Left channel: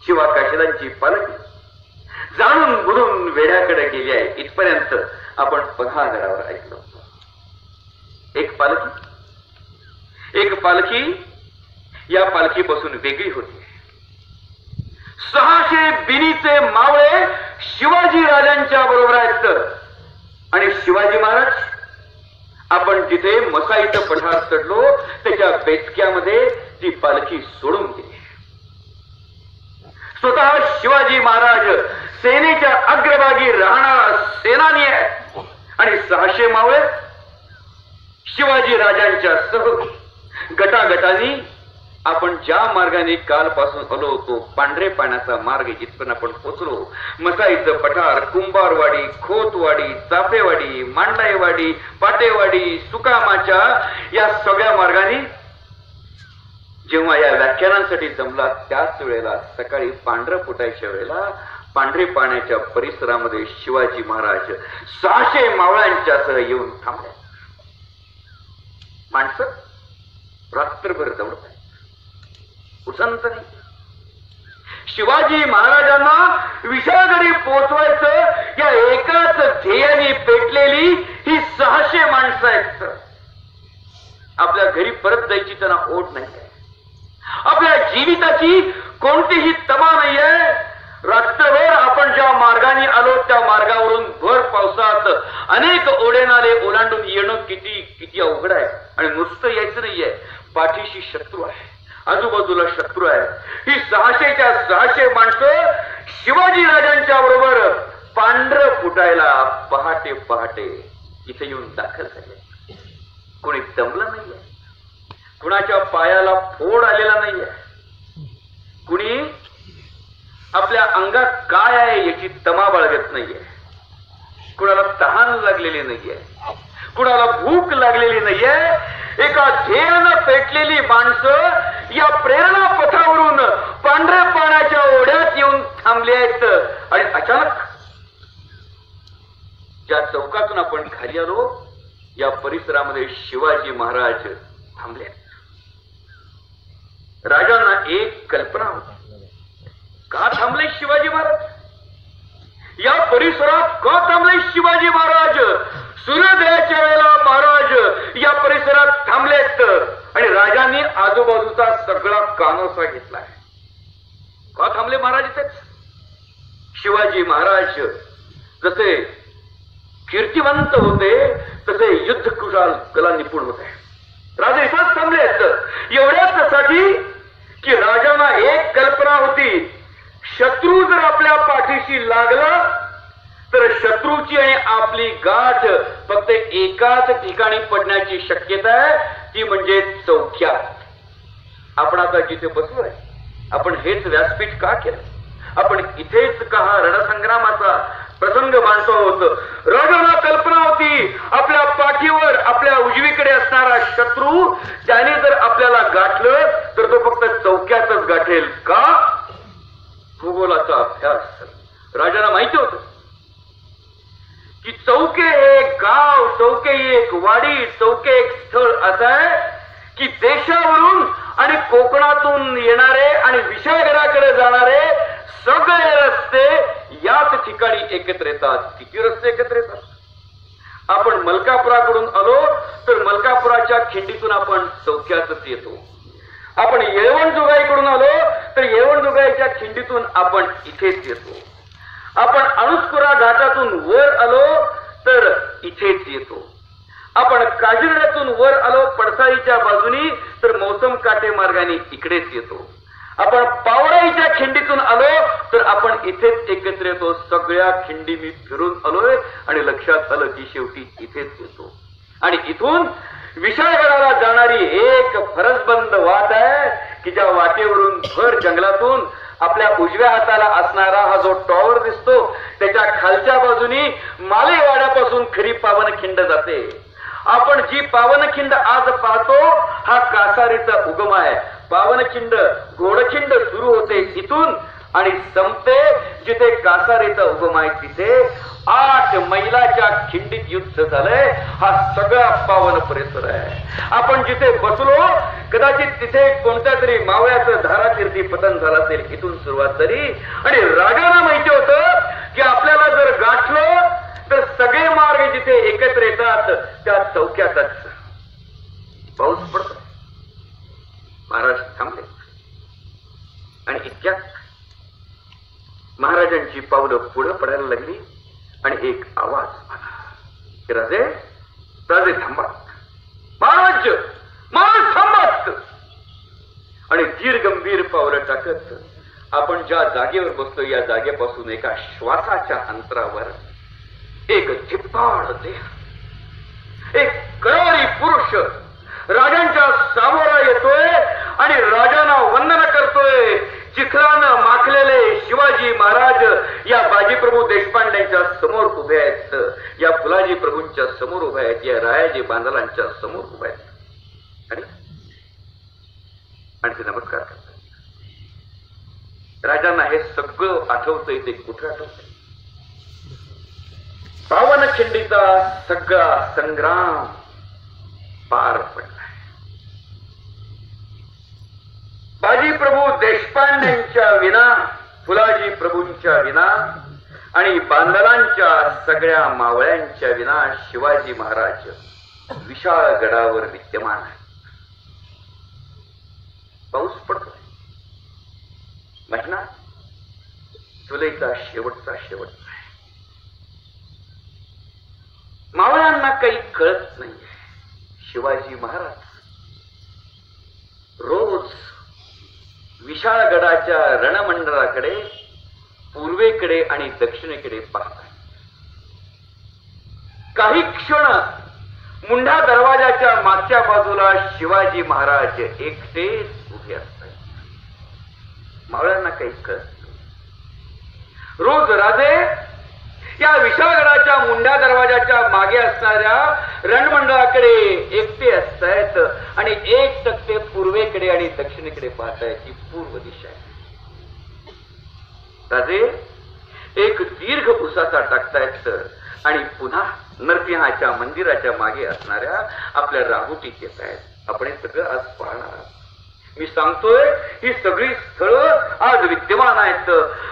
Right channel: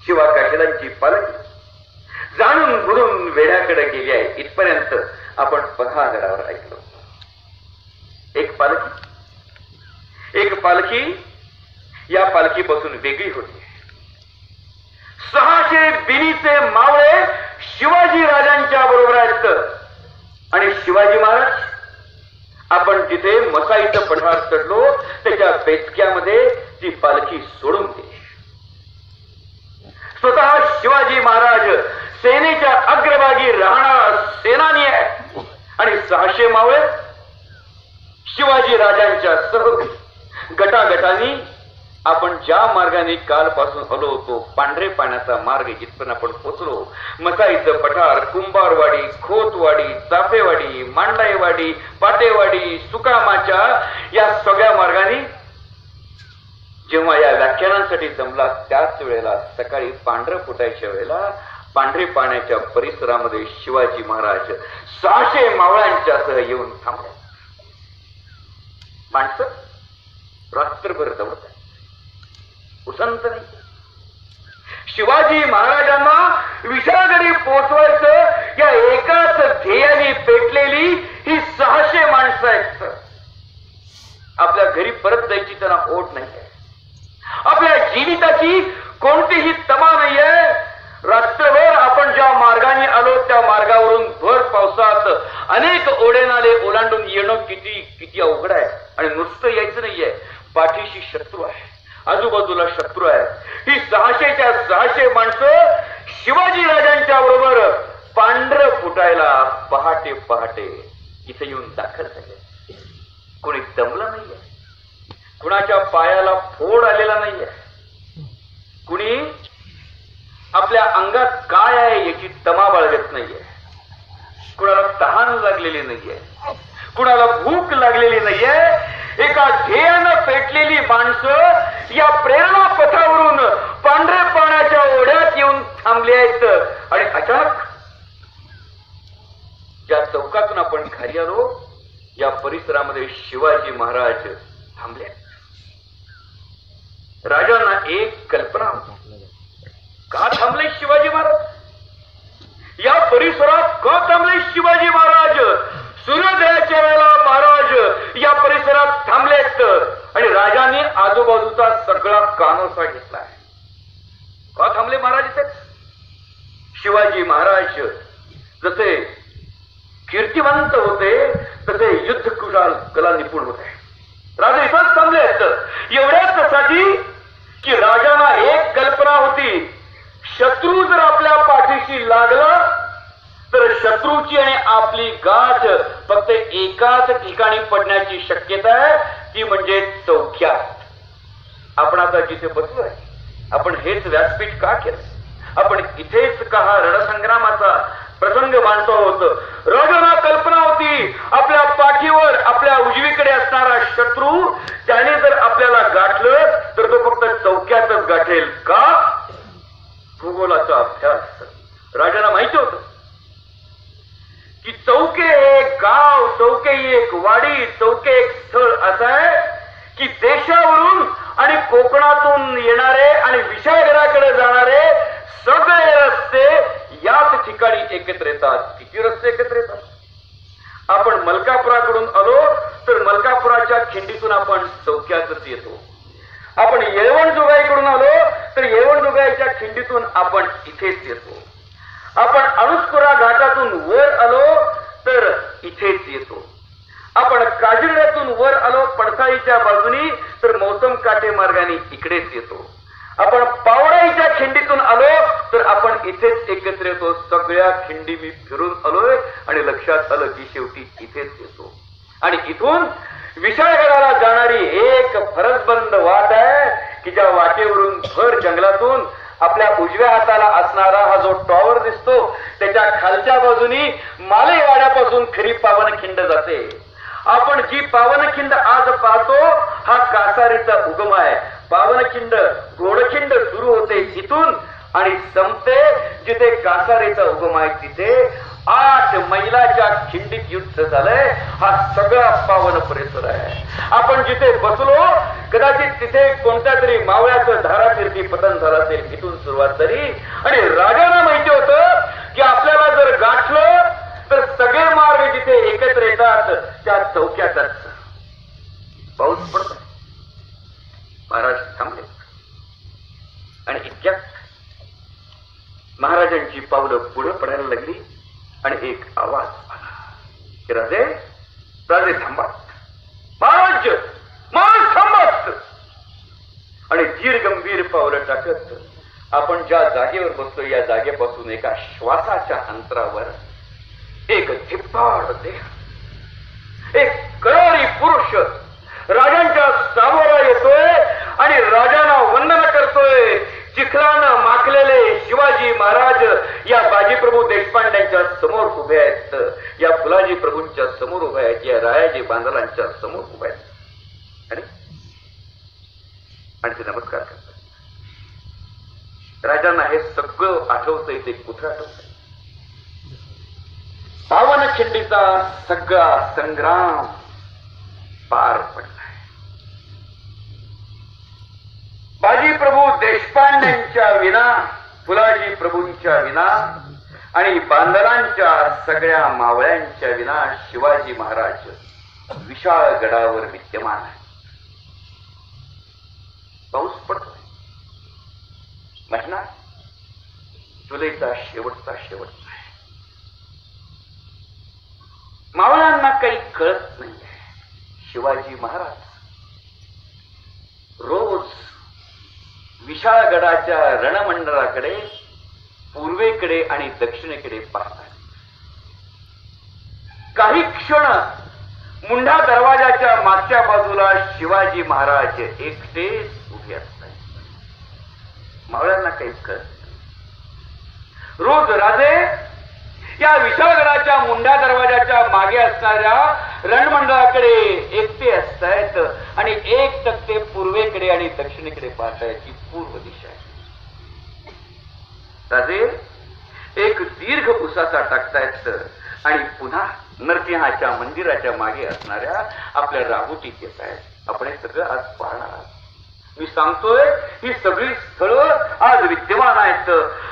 शिवा काशिदांची पालखी जाणून बुडून वेड्याकडे गेली आहे इथपर्यंत आपण पथागरावर ऐकलो. एक पालखी या पालखीपासून वेगळी होती. 600 बिनीचे मावळे शिवाजी राजांच्या बरोबर आहेत आणि शिवाजी महाराज आपण जिथे मसाईचं पठार चढलो त्याच्या बेचक्यामध्ये ती पालखी सोडून गेली. स्वतः शिवाजी महाराज सेनेच्या अग्रभागी राहणारा सेनानी आहे आणि 600 मावळे शिवाजी राजांच्या सह गटागटाने आपण ज्या मार्गाने कालपासून आलो होतो पांढरे पाण्याचा मार्ग जिथपर्यंत आपण पोचलो मसाईचं पठार कुंभारवाडी खोतवाडी चाफेवाडी मांडाईवाडी पाटेवाडी सुकामाच्या या सगळ्या मार्गाने जेव्हा या व्याख्यानांसाठी जमला त्याच वेळेला सकाळी पांढरं फुटायच्या वेळेला पांढरे पाण्याच्या परिसरामध्ये शिवाजी महाराज 600 मावळ्यांच्यासह येऊन थांबले. माणसं रात्रभर दौडत उसंत नाही. शिवाजी महाराजांना विशाळगडी पोहोचवायचं या एकाच ध्येयाने पेटलेली ही 600 माणसं आहेत. आपल्या घरी परत जायची त्यांना ओढ नाहीये. आपल्या जीविताची कोणतीही तमा नाहीये. रात्रभर आपण ज्या मार्गाने आलो त्या मार्गावरून भर पावसात अनेक ओढेनाले ओलांडून येणं किती अवघड आहे. आणि नुसतं यायचं नाहीये, पाठीशी शत्रू आहे, आजूबाजूला शत्रू आहे. ही 600च्या 600 माणसं शिवाजी राजांच्या बरोबर पांढरं फुटायला पहाटे पहाटे इथे येऊन दाखल झाले. कोणी दमलं नाहीये, कुणाच्या पायाला फोड आलेला नाहीये, कुणी आपल्या अंगात काय आहे याची तमा बाळगत नाहीये, कुणाला तहान लागलेली नाहीये, कुणाला भूक लागलेली नाहीये. एका ध्येयानं पेटलेली माणसं या प्रेरणा पथावरून पांढऱ्या पाण्याच्या ओढ्यात येऊन थांबले आहेत. आणि अचानक ज्या चौकातून आपण खाली आलो या परिसरामध्ये शिवाजी महाराज थांबले. राजांना एक कल्पना होती, का थांबले शिवाजी महाराज, या परिसरात का थांबले शिवाजी महाराज. सूर्योदयाच्या वेळेला महाराज या परिसरात थांबलेत आणि राजांनी आजूबाजूचा सगळा कानोसा घेतलाय. का थांबले महाराज इथे. शिवाजी महाराज जसे कीर्तिवंत होते तसे युद्ध कुशाल कला निपुण होते. राजा इथंच थांबलेत एवढ्यासाठी की राजांना एक कल्पना होती, शत्रू जर आपल्या पाठीशी लागला तर शत्रूची आणि आपली गाठ फक्त एकाच ठिकाणी पडण्याची शक्यता आहे, ती म्हणजे चौक्यात. आपण आता जिथे बसलोय आपण हेच व्यासपीठ का केलं, आपण इथेच का हा रणसंग्रामाचा प्रसंग मांडतो आहोत. राजाला कल्पना होती आपल्या पाठीवर आपल्या उजवीकडे असणारा शत्रू त्याने जर आपल्याला गाठलं तर तो फक्त चौक्यातच गाठेल. का. भूगोलाचा अभ्यास. राजाला माहिती होतं की चौके एक गाव, चौके एक वाडी, चौके एक स्थळ असं आहे की देशावरून आणि कोकणातून येणारे आणि विशाळगडाकडे जाणारे सगळे रस्ते याच ठिकाणी एकत्र येतात. किती रस्ते एकत्र येतात. आपण मलकापुराकडून आलो तर मलकापुराच्या खिंडीतून आपण चौक्यातच येतो. आपण येळवणजोगाईकडून आलो तर येळवणजोगाईच्या खिंडीतून आपण इथेच येतो. आपण अणुस्कुरा घाटातून वर आलो तर इथेच येतो. आपण काजिरड्यातून वर आलो पडसाळीच्या बाजूनी तर मौसम काटे मार्गाने इकडेच येतो. आपण पावडाईच्या खिंडीतून आलो तर आपण इथेच एकत्र येतो. सगळ्या खिंडी मी फिरून आलोय आणि लक्षात आलं की शेवटी इथेच येतो. आणि इथून विशाळगडाला जाणारी एक फरसबंद वाट आहे की ज्या वाटेवरून भर जंगलातून आपल्या उजव्या हाताला असणारा हा जो टॉवर दिसतो त्याच्या खालच्या बाजूनी मालेवाड्यापासून खरी पावनखिंड जाते. आपण जी पावनखिंड आज पाहतो हा कासारीचा उगम आहे. पावनखिंड घोडखिंड सुरू होते इथून आणि संपते जिथे कासारीचा उगम आहे तिथे. 8 मैलाच्या खिंडीत युद्ध झालंय. हा सगळा पावन परिसर आहे. आपण जिथे बसलो कदाचित तिथे कोणत्या तरी मावळ्याचं धारातीर्थी पतन झालं असेल, इथून सुरुवात झाली. आणि राजांना माहिती होतं की आपल्याला जर गाठलं तर सगळे मार्ग जिथे एकत्र येतात त्या चौक्यातच पाऊस पडतो. महाराज थांबले आणि इतक्यात महाराजांची पावलं पुढे पडायला लागली आणि एक आवाज आला की राजे राजे थांबा, महाराज महाराज थांबत. आणि धीर गंभीर पावलं टाकत आपण ज्या जागेवर बसलो या जागेपासून एका श्वासाच्या अंतरावर एक धिप्पाड देह, एक कळारी पुरुष राजांच्या समोर येतोय आणि राजांना वंदन करतोय. चिखलानं माखलेले शिवाजी महाराज या बाजीप्रभू देशपांड्यांच्या समोर उभे आहेत, या फुलाजी प्रभूंच्या समोर उभे आहेत, या रायाजी बांदलांच्या समोर उभे आहेत आणि ते नमस्कार करतात. राजांना हे सगळं आठवतंय. ते कुठं आठवतंय? पावनखिंडीचा सगळा संग्राम पार पडलाय. बाजी प्रभू देशपांड्यांच्या विना, फुलाजी प्रभूंच्या विना आणि बांदलांच्या सगळ्या मावळ्यांच्या विना शिवाजी महाराज विशाळ गडावर विद्यमान आहे. पाऊस पडतोय. महिना जुलैचा शेवटचा शेवट आहे. मावळ्यांना काही कळत नाहीये. शिवाजी महाराज रोज विशाळगडाच्या रणमंडळाकडे पूर्वेकडे आणि दक्षिणेकडे पाहतात. काही क्षण मुंढा दरवाजाच्या मागच्या बाजूला शिवाजी महाराज एकटेच उभे असतात. मावळ्यांना काही कळत नाही. रोज राजे या विशाळगडाच्या मुंढा दरवाजाच्या मागे असणाऱ्या रणमंडळाकडे एकटे असतायत आणि एक टक्के पूर्वेकडे आणि दक्षिणेकडे पाहतायत. ही पूर्व दिशा आहे. राजे एक दीर्घ उसाचा टाकतायत आणि पुन्हा नरसिंहाच्या मंदिराच्या मागे असणाऱ्या आपल्या राहुटीत येत आहेत. आपण हे सगळं आज पाहणार आहात. मी सांगतोय ही सगळी स्थळं आज विद्यमान आहेत.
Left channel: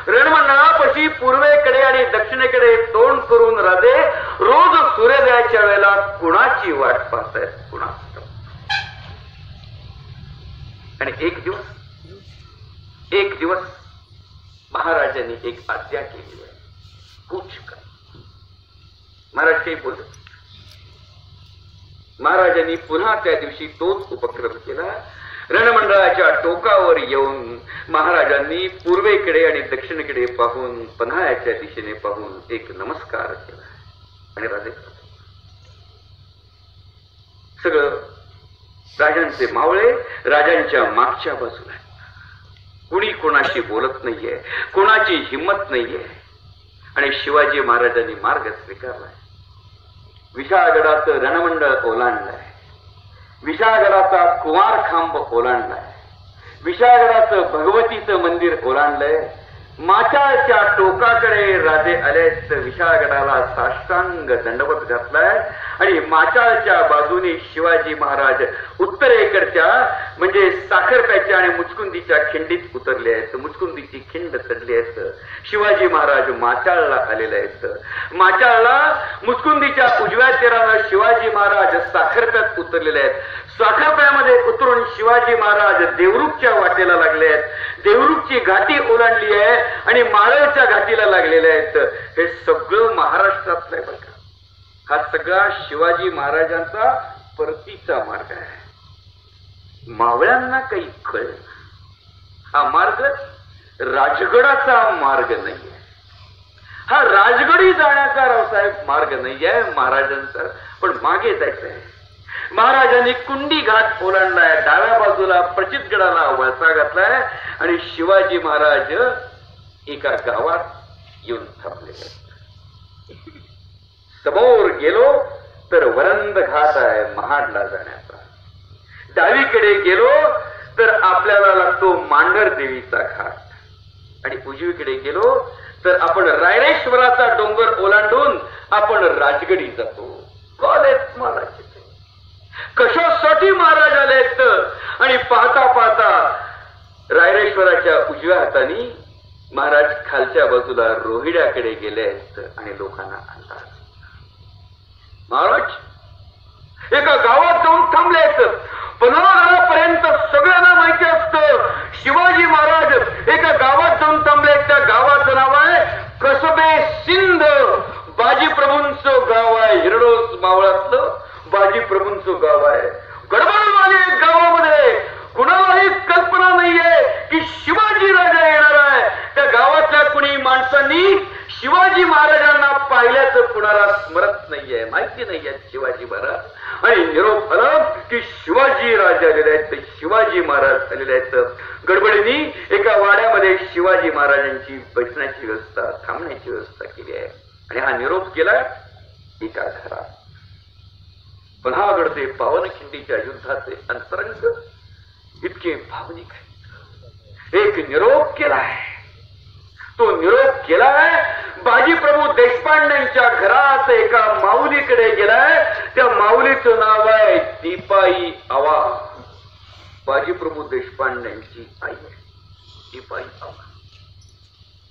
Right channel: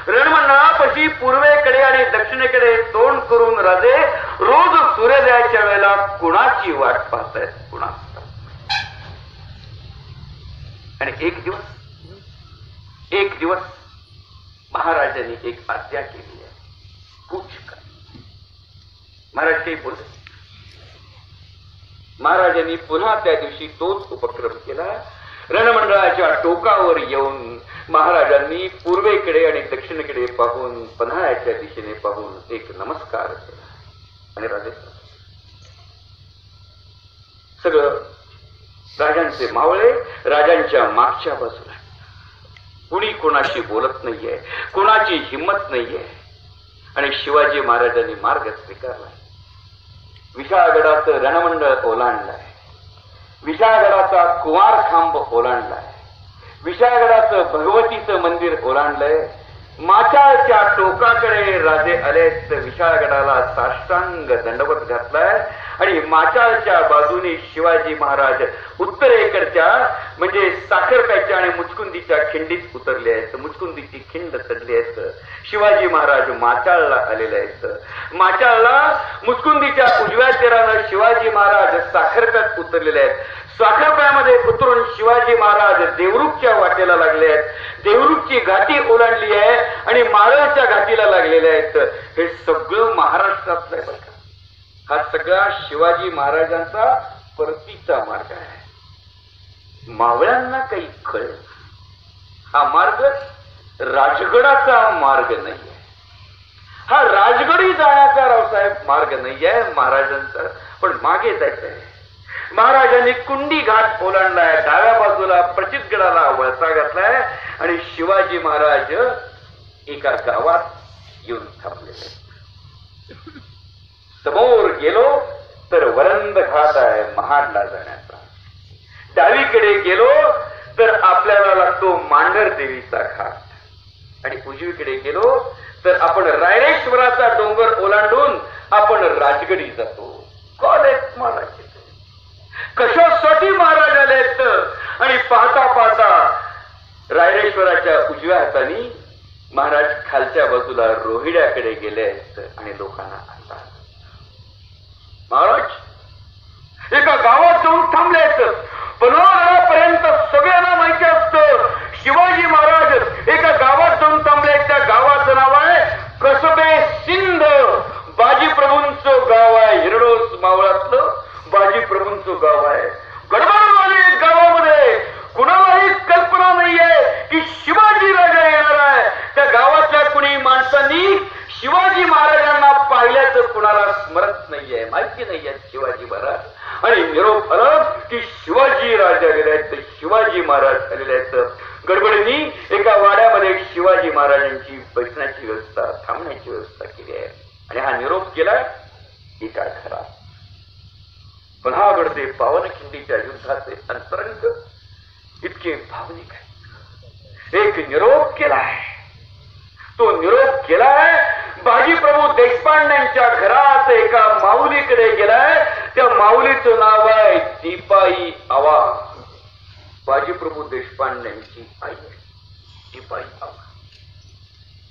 रणमंडळापाशी पूर्वेकडे आणि दक्षिणेकडे तोंड करून राजे रोज सूर्योदयाच्या वेळेला कुणाची वाट पाहतायत, कुणाच. आणि एक दिवस महाराजांनी एक आज्ञा केली आहे. कूच कर. महाराज काही बोलत. महाराजांनी पुन्हा त्या दिवशी तोच उपक्रम केला. रणमंडळाच्या टोकावर येऊन महाराजांनी पूर्वेकडे आणि दक्षिणेकडे पाहून पन्हाळ्याच्या दिशेने पाहून एक नमस्कार केला आणि राजे सगळं राजांचे मावळे राजांच्या मागच्या बाजूला. कुणी कोणाशी बोलत नाहीये, कोणाची हिंमत नाहीये. आणि शिवाजी महाराजांनी मार्ग स्वीकारलाय. विशाळगडाचं रणमंडळ ओलांडलंय. विशाळगडाचा कुमार खांब ओलांडलाय. विशाळगडाचं भगवतीचं मंदिर ओलांडलंय. माचाळच्या टोकाकडे राजे आलेत. विशाळगडाला साष्टांग दंडवत घातलाय आणि माचाळच्या बाजूने शिवाजी महाराज उत्तरेकडच्या म्हणजे साखरप्याच्या आणि मुचकुंदीच्या खिंडीत उतरले आहेत. मुचकुंदीची खिंड चढली आहेत. शिवाजी महाराज माचाळला आलेले आहेत. माचाळला मुचकुंदीच्या उजव्या तीरानं शिवाजी महाराज साखरप्यात उतरलेले आहेत. साखरप्यामध्ये उतरून शिवाजी महाराज देवरुखच्या वाटेला लागले आहेत. देवरुखची घाटी ओलांडली आहे आणि माळवच्या घाटीला लागलेले आहेत. हे सगळं महाराष्ट्रातलं आहे. हा सगळा शिवाजी महाराजांचा परतीचा मार्ग आहे. मावळ्यांना काही कळेल. हा मार्ग राजगडाचा मार्ग नाहीये. हा राजगडी जाण्याचा रावसाहेब मार्ग नाहीये महाराजांचा. पण मागे जायचं आहे. महाराजांनी कुंडी घाट ओलांडलाय. डाव्या बाजूला प्रचितगडाला वळसा घातलाय आणि शिवाजी महाराज एका गावात येऊन थांबलेले. समोर गेलो तर वरंद घाट आहे महाडला जाण्याचा. डावीकडे गेलो तर आपल्याला लागतो मांढर देवीचा घाट आणि उजवीकडे गेलो तर आपण रायरेश्वराचा डोंगर ओलांडून आपण राजगडी जातो. कोण आहेत महाराज, कशासाठी महाराज आलेत. आणि पाहता पाहता रायरेश्वराच्या उजव्या हाताने महाराज खालच्या बाजूला रोहिड्याकडे गेले आहेत आणि लोकांना आणतात. महाराज एका गावात जाऊन थांबले आहेत. पन्हाळापर्यंत सगळ्यांना माहिती असतं शिवाजी महाराज एका गावात जाऊन थांबले. त्या गावाचं नाव आहे कसबे सिंध. बाजी प्रभूंचं गाव आहे. हिरडोस मावळातलं बाजी प्रभूंचं गाव आहे. गडबडवाले गावामध्ये कुणालाही कल्पना नाहीये की शिवाजी राजा येणार आहे. त्या गावातल्या कुणी माणसांनी शिवाजी महाराजांना पाहिल्याचं कुणाला स्मरत नाहीये, माहिती नाहीये शिवाजी महाराज. आणि निरोप आला की शिवाजी राजा आलेले आहेत, शिवाजी महाराज आलेले आहेत. गडबडीने एका वाड्यामध्ये शिवाजी महाराजांची बसण्याची व्यवस्था, थांबण्याची व्यवस्था केली आहे. आणि हा निरोप केला एका घरात. पन्हाळगड पावनखिंडीच्या युद्धाचे अंतरंग इतके भावनिक आहे. एक निरोप केलाय, तो निरोप केलाय बाजीप्रभू देशपांड्यांच्या घरात एका माऊलीकडे गेलाय. त्या माऊलीचं नाव आहे दीपाई आवा. बाजीप्रभू देशपांड्यांची आई आहे दीपाई आवा.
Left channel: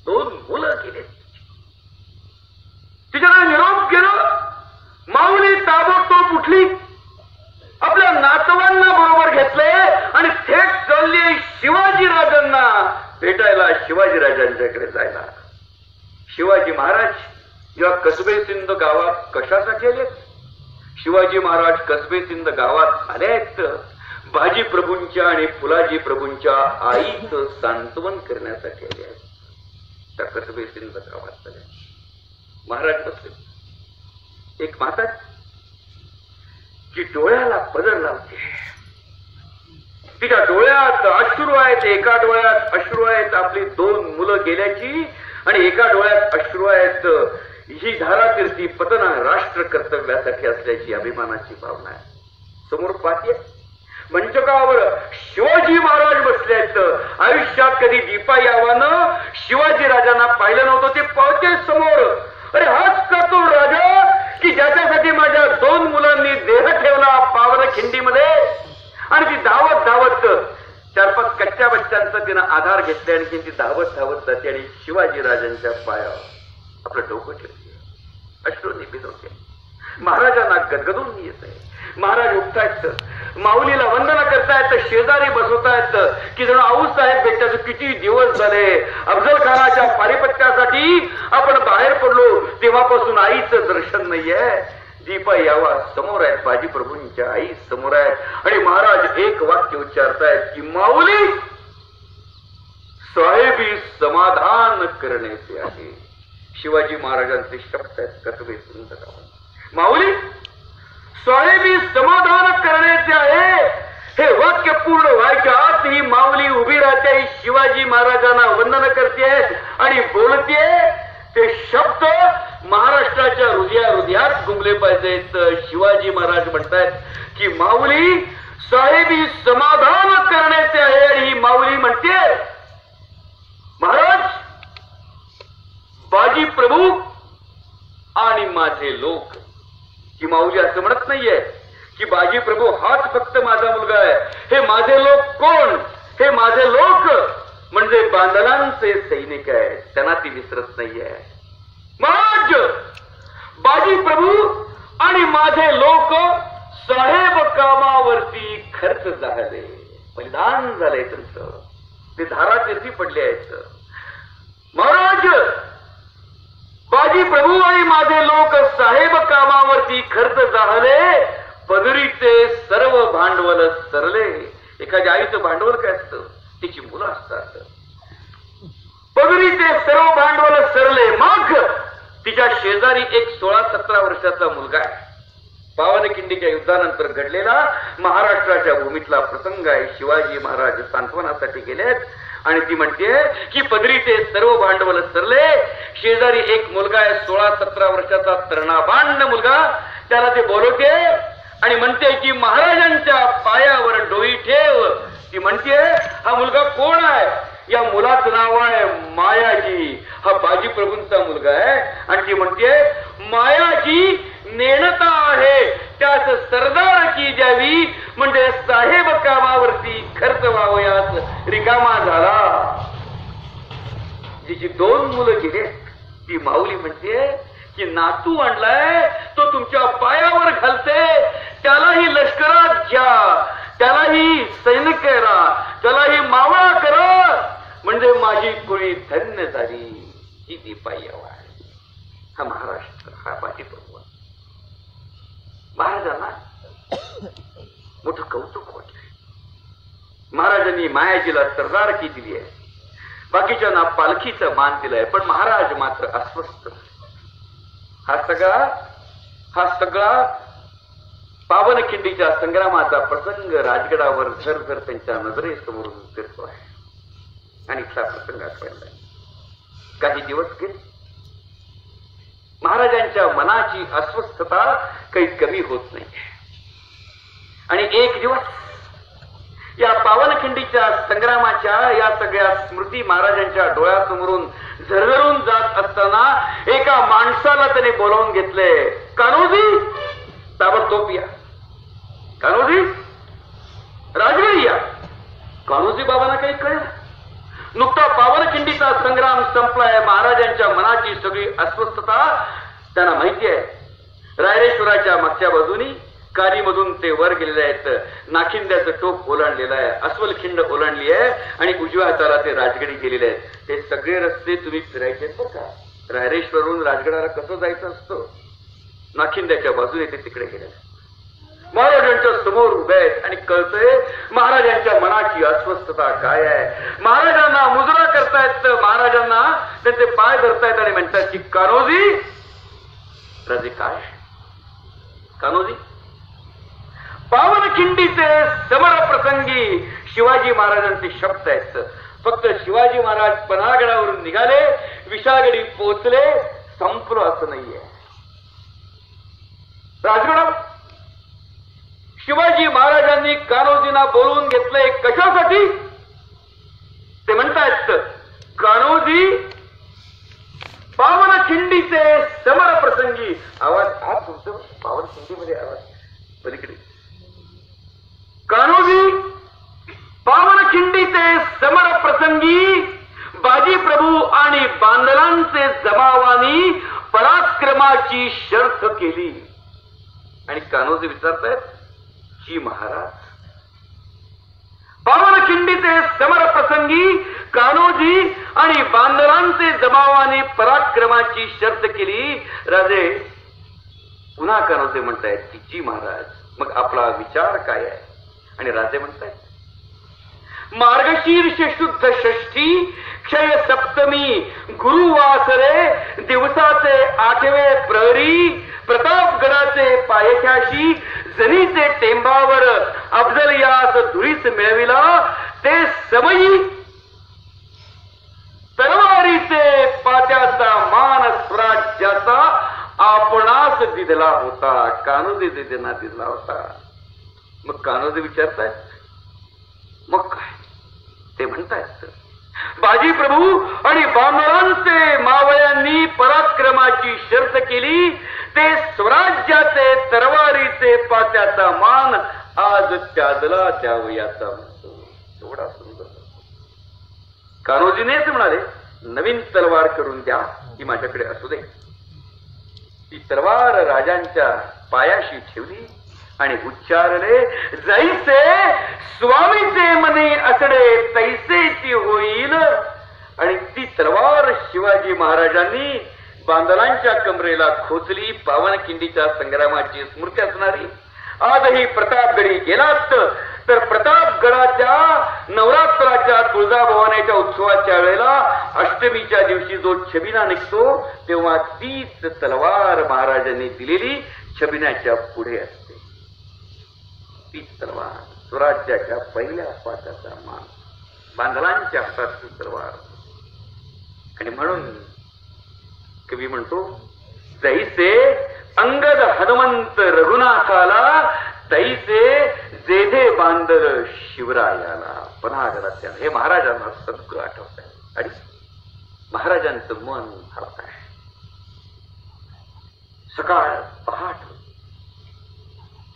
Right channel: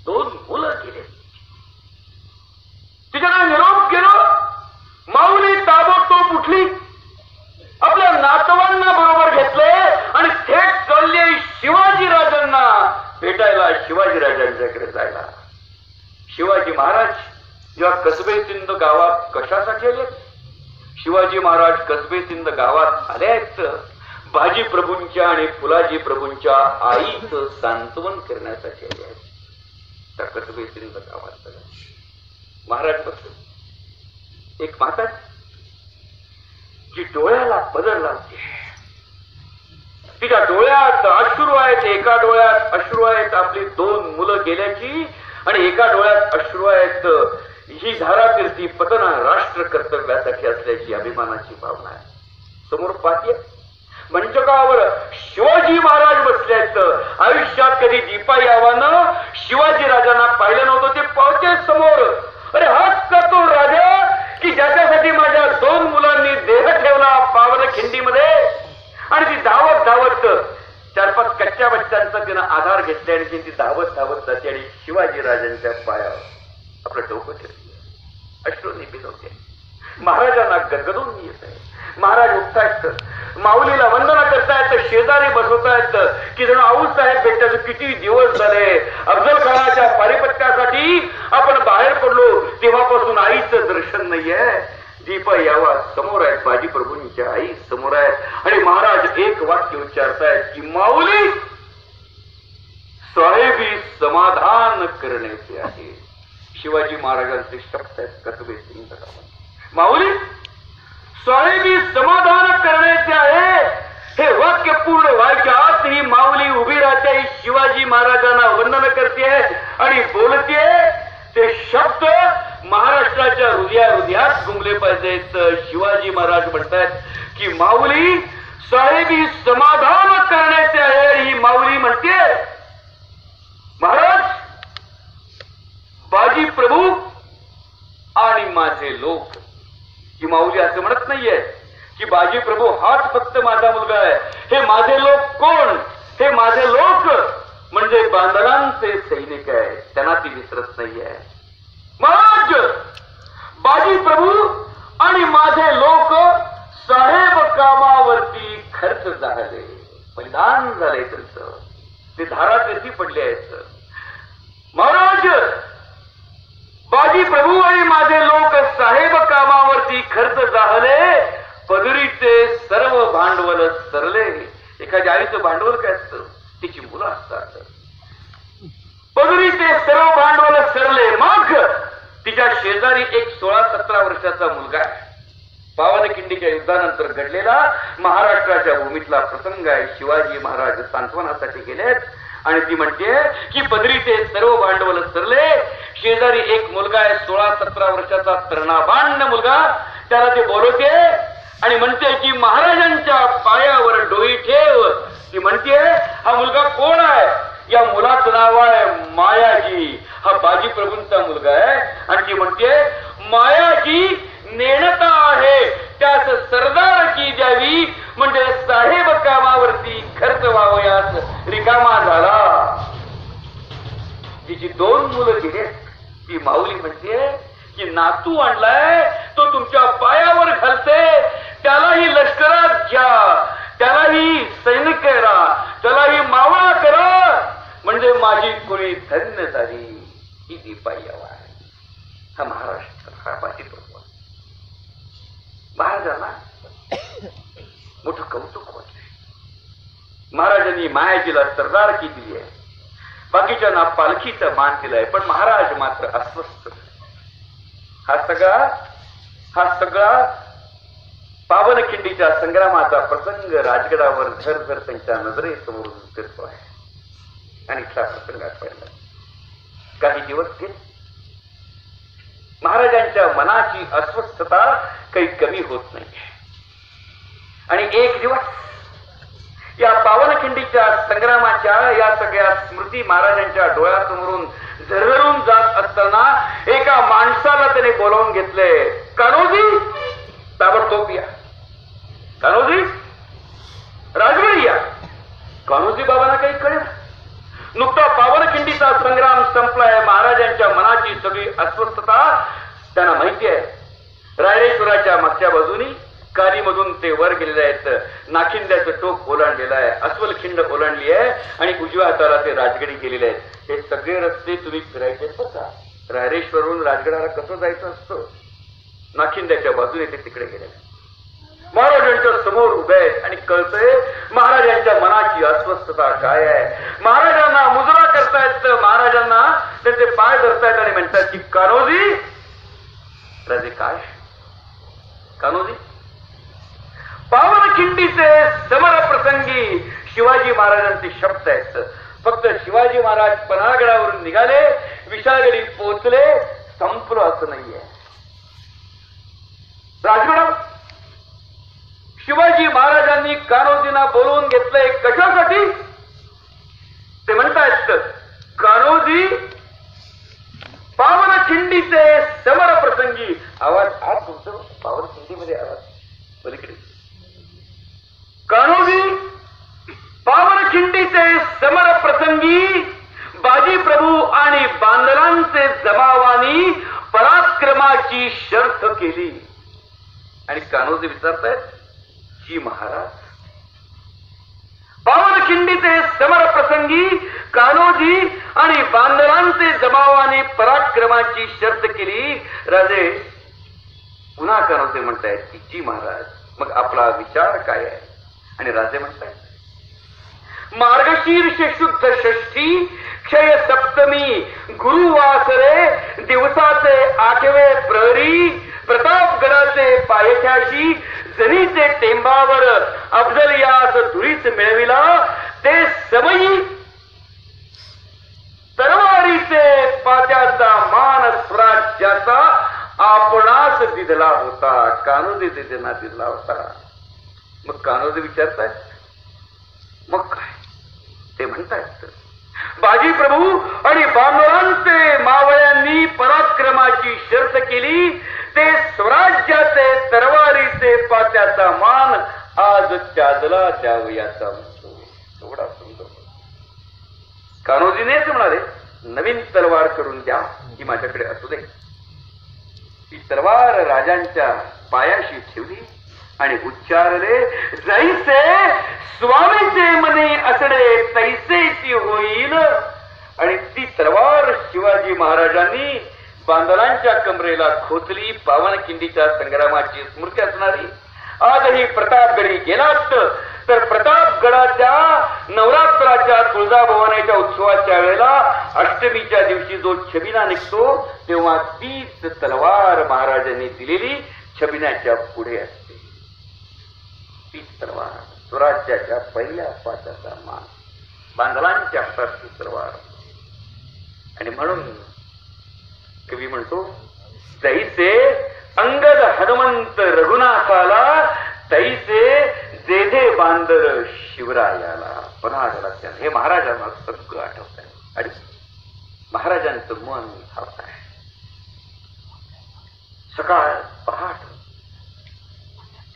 2 मुलं गेले. तिच्याला निरोप केलं. माऊली ताबडतोब उठली, आपल्या नातवांना बरोबर घेतले आणि थेट चालले शिवाजीराजांना भेटायला, शिवाजीराजांच्याकडे जायला. शिवाजी महाराज जेव्हा कसबे सिंध गावात कशासाठी आले? शिवाजी महाराज कसबे सिंध गावात आले आहेत बाजी प्रभूंच्या आणि फुलाजी प्रभूंच्या आईचं सांत्वन करण्यासाठी आले आहेत. त्या कसबे सिंध गावात आले. महाराज बसले. एक माता जी डोळ्याला पदर लावते, तिच्या डोळ्यात अश्रू आहेत. एका डोळ्यात अश्रू आहेत आपली 2 मुलं गेल्याची आणि एका डोळ्यात अश्रू आहेत ही धारातीर्थी पतना राष्ट्र कर्तव्यासाठी असल्याची अभिमानाची भावना आहे. समोर पाहते मंचकावर शिवाजी महाराज बसले आहेत. आयुष्यात कधी दीपाई आव्हानं शिवाजी राजांना पाहिलं नव्हतं. ते पावते समोर. अरे हाच का तो राजा की ज्याच्यासाठी माझ्या 2 मुलांनी देह ठेवला पावनखिंडीमध्ये. आणि ती धावत धावत 4-5 कच्च्या बच्चांचा तिनं आधार घेतले आणि ती धावत धावत जाते आणि शिवाजी राजांच्या पायावर आपलं डोकं ठेवते. अश्रूंनी भिजवते. महाराजांना गदगदून येत आहे. महाराज उठतायत, माऊलीला वंदना करतायत, शेजारी बसवतायत की जण आऊसाहेब बेटाचे किती दिवस झाले अफजल खानाच्या पारिपत्यासाठी आपण बाहेर पडलो तेव्हापासून आईचं दर्शन नाहीये. दीपाई आवा समोर आहेत, बाजी प्रभूंच्या आई समोर आहेत आणि महाराज एक वाक्य उच्चारतायत की माऊली साहेबी समाधान करण्याचे आहे. शिवाजी महाराजांचे शब्द आहेत कसबे सिंध. माऊली साहेबी समाधान करण्याचे आहे. हे वाक्य पूर्ण व्हायच्या आत ही माऊली उभी राहते. शिवाजी महाराजांना वंदन करते आणि बोलते. ते शब्द महाराष्ट्राच्या हृदयात घुमले पाहिजेत. शिवाजी महाराज म्हणतात की माऊली साहेबी समाधान करण्याचे आहे. आणि ही माऊली म्हणते महाराज बाजी प्रभू आणि माझे लोक. की माऊली असं म्हणत नाहीये की बाजी प्रभू हाच फक्त माझा मुलगा आहे. हे माझे लोक कोण? हे माझे लोक म्हणजे बांदलांचे सैनिक आहेत. त्यांना ती विसरत नाहीये. महाराज बाजी प्रभू आणि माझे लोक साहेब कामावरती खर्च झाले, मैदान झाले त्यांचं. ते धारातीर्थी पडले आहेत. महाराज बाजी प्रभू आणि माझे लोक साहेब कामावरती खर्च झाले, पदरीचे सर्व भांडवल सरले. एखाद्या आईचं भांडवल काय असतं? तिची मुलं असतात. पदरीचे सर्व भांडवल सरले. मग तिच्या शेजारी एक 16-17 वर्षाचा मुलगा आहे. पावनखिंडीच्या युद्धानंतर घडलेला महाराष्ट्राच्या भूमीतला प्रसंग आहे. शिवाजी महाराज सांत्वनासाठी गेलेत आणि ती म्हणते की पदरीचे सर्व भांडवल सरले. शेजारी एक मुलगा आहे 16-17 वर्षाचा तरुणाबांड मुलगा. त्याला ते बोलवते आणि म्हणते की महाराजांच्या पायावर डोई ठेव. ती म्हणते हा मुलगा कोण आहे? या मुलाचं नाव आहे मायाजी. हा बाजी प्रभूंचा मुलगा आहे. आणि ती म्हणते मायाजी नेणता आहे त्यास सरदार की द्यावी, म्हणजे साहेब कामावरती खर्च व्हावयास रिकामा झाला. जिची 2 मुलं गेले ती माऊली म्हणते की नातू आणलाय तो तुमच्या पायावर घालते, त्यालाही लष्करात घ्या, त्यालाही सैनिक करा, त्यालाही मावळा करा, म्हणजे माझी कुणी धन्य झाली. ही दीपाई आहे. हा महाराष्ट्र हा बाकी महाराजांना मोठं कौतुक वाटलंय. महाराजांनी मायाजीला सरदारकी दिली आहे, बाकीच्यांना पालखीचा मान दिलाय, पण महाराज मात्र अस्वस्थ. हा सगळा पावनखिंडीच्या संग्रामाचा प्रसंग राजगडावर झरझर त्यांच्या नजरेसमोर उतरतो आहे. आणि इथला प्रसंग आठवला. काही दिवस गेले. महाराजांच्या मनाची अस्वस्थता काही कमी होत नाही. आणि एक दिवस या पावनखिंडीच्या संग्रामाच्या या सगळ्या स्मृती महाराजांच्या डोळ्यासमोरून झरझरून जात असताना एका माणसाला त्याने बोलावून घेतले. कान्होजी, ताबडतोब या. कान्होजी, राजगडी या. कान्होजी बाबांना काही कळलं. नुकता पावनखिंडीचा संग्राम संपलाय. महाराजांच्या मनाची सगळी अस्वस्थता त्यांना माहिती आहे. रायरेश्वराच्या मागच्या बाजूनी कालीमधून ते वर गेलेले आहेत. नाखिंद्याचं टोक ओलांडलेलं आहे, अस्वलखिंड ओलांडली आहे आणि उजव्या हाताला ते राजगडी गेलेले आहेत. हे सगळे रस्ते तुम्ही फिरायचे का? रायरेश्वरून राजगडाला कसं जायचं असतं? नाखिंद्याच्या बाजूने ते तिकडे गेलेले. महाराजांच्या समोर उभे आहेत आणि कळतंय महाराजांच्या मनाची अस्वस्थता काय आहे. महाराजांना मुजरा करतायत, महाराजांना त्यांचे पाय धरतायत आणि म्हणतात की कान्होजी. राजे काय? कान्होजी, पावनखिंडीचे समर प्रसंगी शिवाजी महाराजांचे शब्द आहेत. फक्त शिवाजी महाराज पन्हाळगडावरून निघाले, विशाळगडी पोहोचले, संपलो असं नाहीये. राजगड शिवाजी महाराजांनी कान्होजींना बोलवून घेतलंय. कशासाठी? ते म्हणतायत कान्होजी, पावनखिंडीचे समर प्रसंगी. आवाज हा तुमचं पावनखिंडीमध्ये आवाज पलीकडे. कान्होजी, पावनखिंडीचे समर प्रसंगी बाजी प्रभू आणि बांधवांचे जमावानी पराक्रमाची शर्त केली. आणि कान्होजी विचारतायत की महाराज, पावनखिंडीचे समर प्रसंगी कान्होजी आणि बांधवांचे जमावाने पराक्रमाची शर्त केली. राजे पुन्हा कान्होजी म्हणतायत की जी महाराज, मग आपला विचार काय आहे? आणि राजे म्हणतायत मार्गशीर्ष शुद्ध षष्ठी क्षय सप्तमी गुरुवासरे दिवसाचे 8वे प्रहरी प्रतापगडाचे पायथ्याशी जरीचे टेंबावर अफजल यास धुळीच मिळविला. ते समयी तरवारीचे पात्याचा मान स्वराज्याचा आपणास दिधला होता. कान्होजी त्यांना दिधला होता. मग कान्होजी विचारतायत मग काय? ते म्हणतायत बाजी प्रभू आणि बांधवांचे मावळ्यांनी पराक्रमाची शर्त केली. ते स्वराज्याचे तरवारीचे पात्याचा मान आज त्यादला द्यावयाचा म्हणतो. थोडा सुंदर. कान्होजीनेच म्हणाले नवीन तलवार करून द्या, ही माझ्याकडे असू दे. ती तलवार राजांच्या पायाशी ठेवली आणि उच्चारले जैसे स्वामीचे मने असडे तैसेची होईल. आणि ती तलवार शिवाजी महाराजांनी बांधवांच्या कमरेला खोचली. पावनखिंडीच्या संग्रामाची स्मृती असणारी. आजही प्रतापगडी गेलात तर प्रतापगडाच्या नवरात्राच्या तुळजाभवानीच्या उत्सवाच्या वेळेला अष्टमीच्या दिवशी जो छबिना निघतो तेव्हा तीच तलवार महाराजांनी दिलेली छबिन्याच्या पुढे असते. तीच तलवार स्वराज्याच्या पहिल्या पात्याचा मान, बांधवांच्या हाताची तलवार. आणि म्हणून कवी म्हणतो तैसे अंगद हनुमंत रघुनाथाला तैसे जेधे बांधर शिवरायाला. पन्हाळगडाच्या हे महाराजांना सगळं आठवत आहे. आणि महाराजांचं मन हरत आहे. सकाळ पहाट,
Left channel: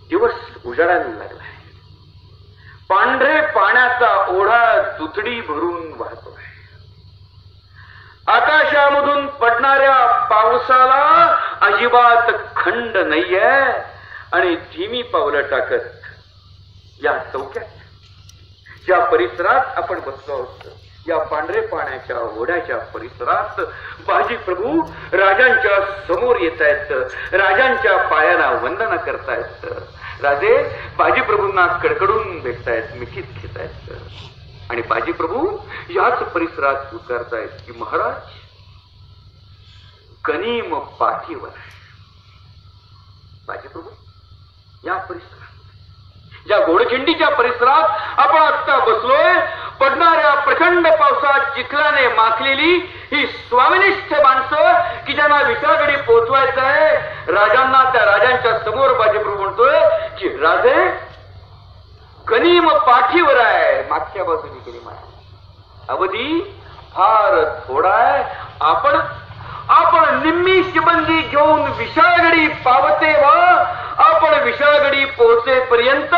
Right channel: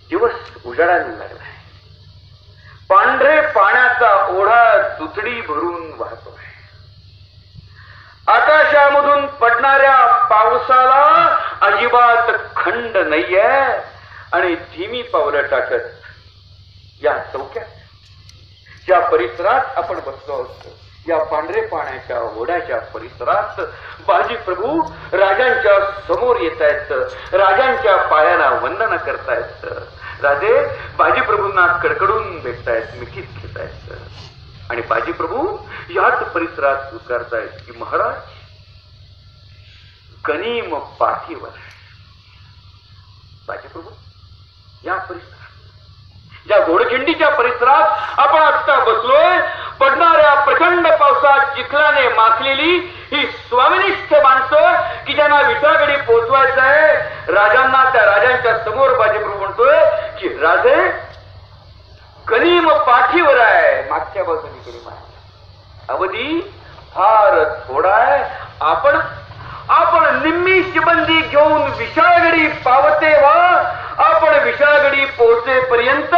दिवस उजाडायला लागलाय. पांढरे पाण्याचा ओढा दुथडी भरून वाहतोय. आकाशामधून पडणाऱ्या पावसाला अजिबात खंड नाहीये आणि धीमी पावलं टाकत या चौक्यात, ज्या परिसरात आपण बसलो असतो, या पांढरे पाण्याच्या ओढ्याच्या परिसरात बाजी प्रभू राजांच्या समोर येत आहेत, राजांच्या पायाला वंदन करतायत. राजे बाजी प्रभूंना कडकडून भेटतायत, मिठीत घेतायत आणि बाजी प्रभू याच परिसरात उतरतायत की महाराज गनीम पाठीवर. बाजी प्रभू या परिसरात, या गोडखिंडीच्या परिसरात आपण आता बसलोय. पडणाऱ्या प्रचंड पावसात चिखलाने माखलेली ही स्वामिनिष्ठ माणसं की ज्यांना विसरागडी पोहोचवायचं आहे राजांना, त्या राजांच्या समोर बाजीप्रभू म्हणतोय की राजे गनीम पाठीवर आहे. मागच्या बाजूने गेली अवधी फार थोडा आहे. आपण निम्मी शिबंदी घेऊन विशाळगडी पावते व्हा. आपण विशाळगडी पोहोचेपर्यंत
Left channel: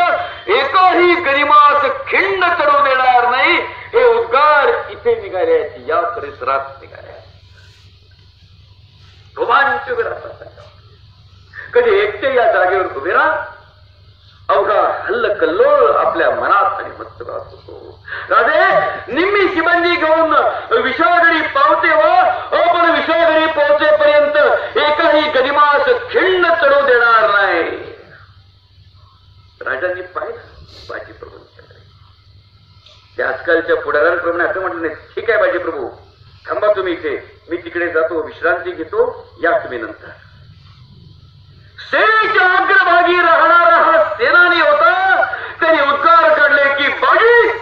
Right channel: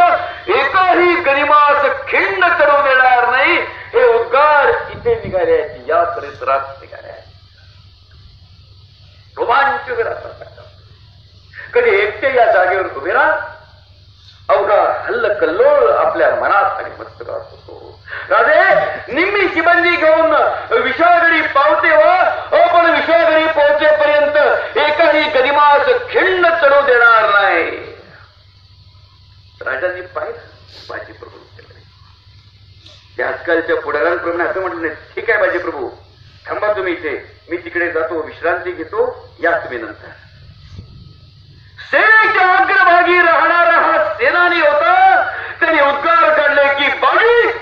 एकही गरिमास खिंड करू देणार नाही. हे उद्गार इथे निघाले आहेत, या परिसरात निघाले आहेत. रोमांच कधी एकटे या जागेवर उभे राहा. अवघा हल्लकल्लोळ आपल्या मनात आणि मस्तकात होतो. राजे निम्मी शिबंदी घेऊन विशाळगडी पावते व्हा. आपण विशाळगडी पोहोचेपर्यंत एकही गरिमास खिंड करू देणार नाही. राजांनी पाहिलं बाजी प्रभू. त्या आजकालच्या पुढाऱ्यांप्रमाणे असं म्हटलं नाही, ठीक आहे बाजी प्रभू थांबा तुम्ही इथे, मी तिकडे जातो, विश्रांती घेतो, या तुम्ही नंतर. सेनेच्या अग्रभागी राहणारा हा सेनानी होता. त्यांनी उद्गार काढले की बाजी,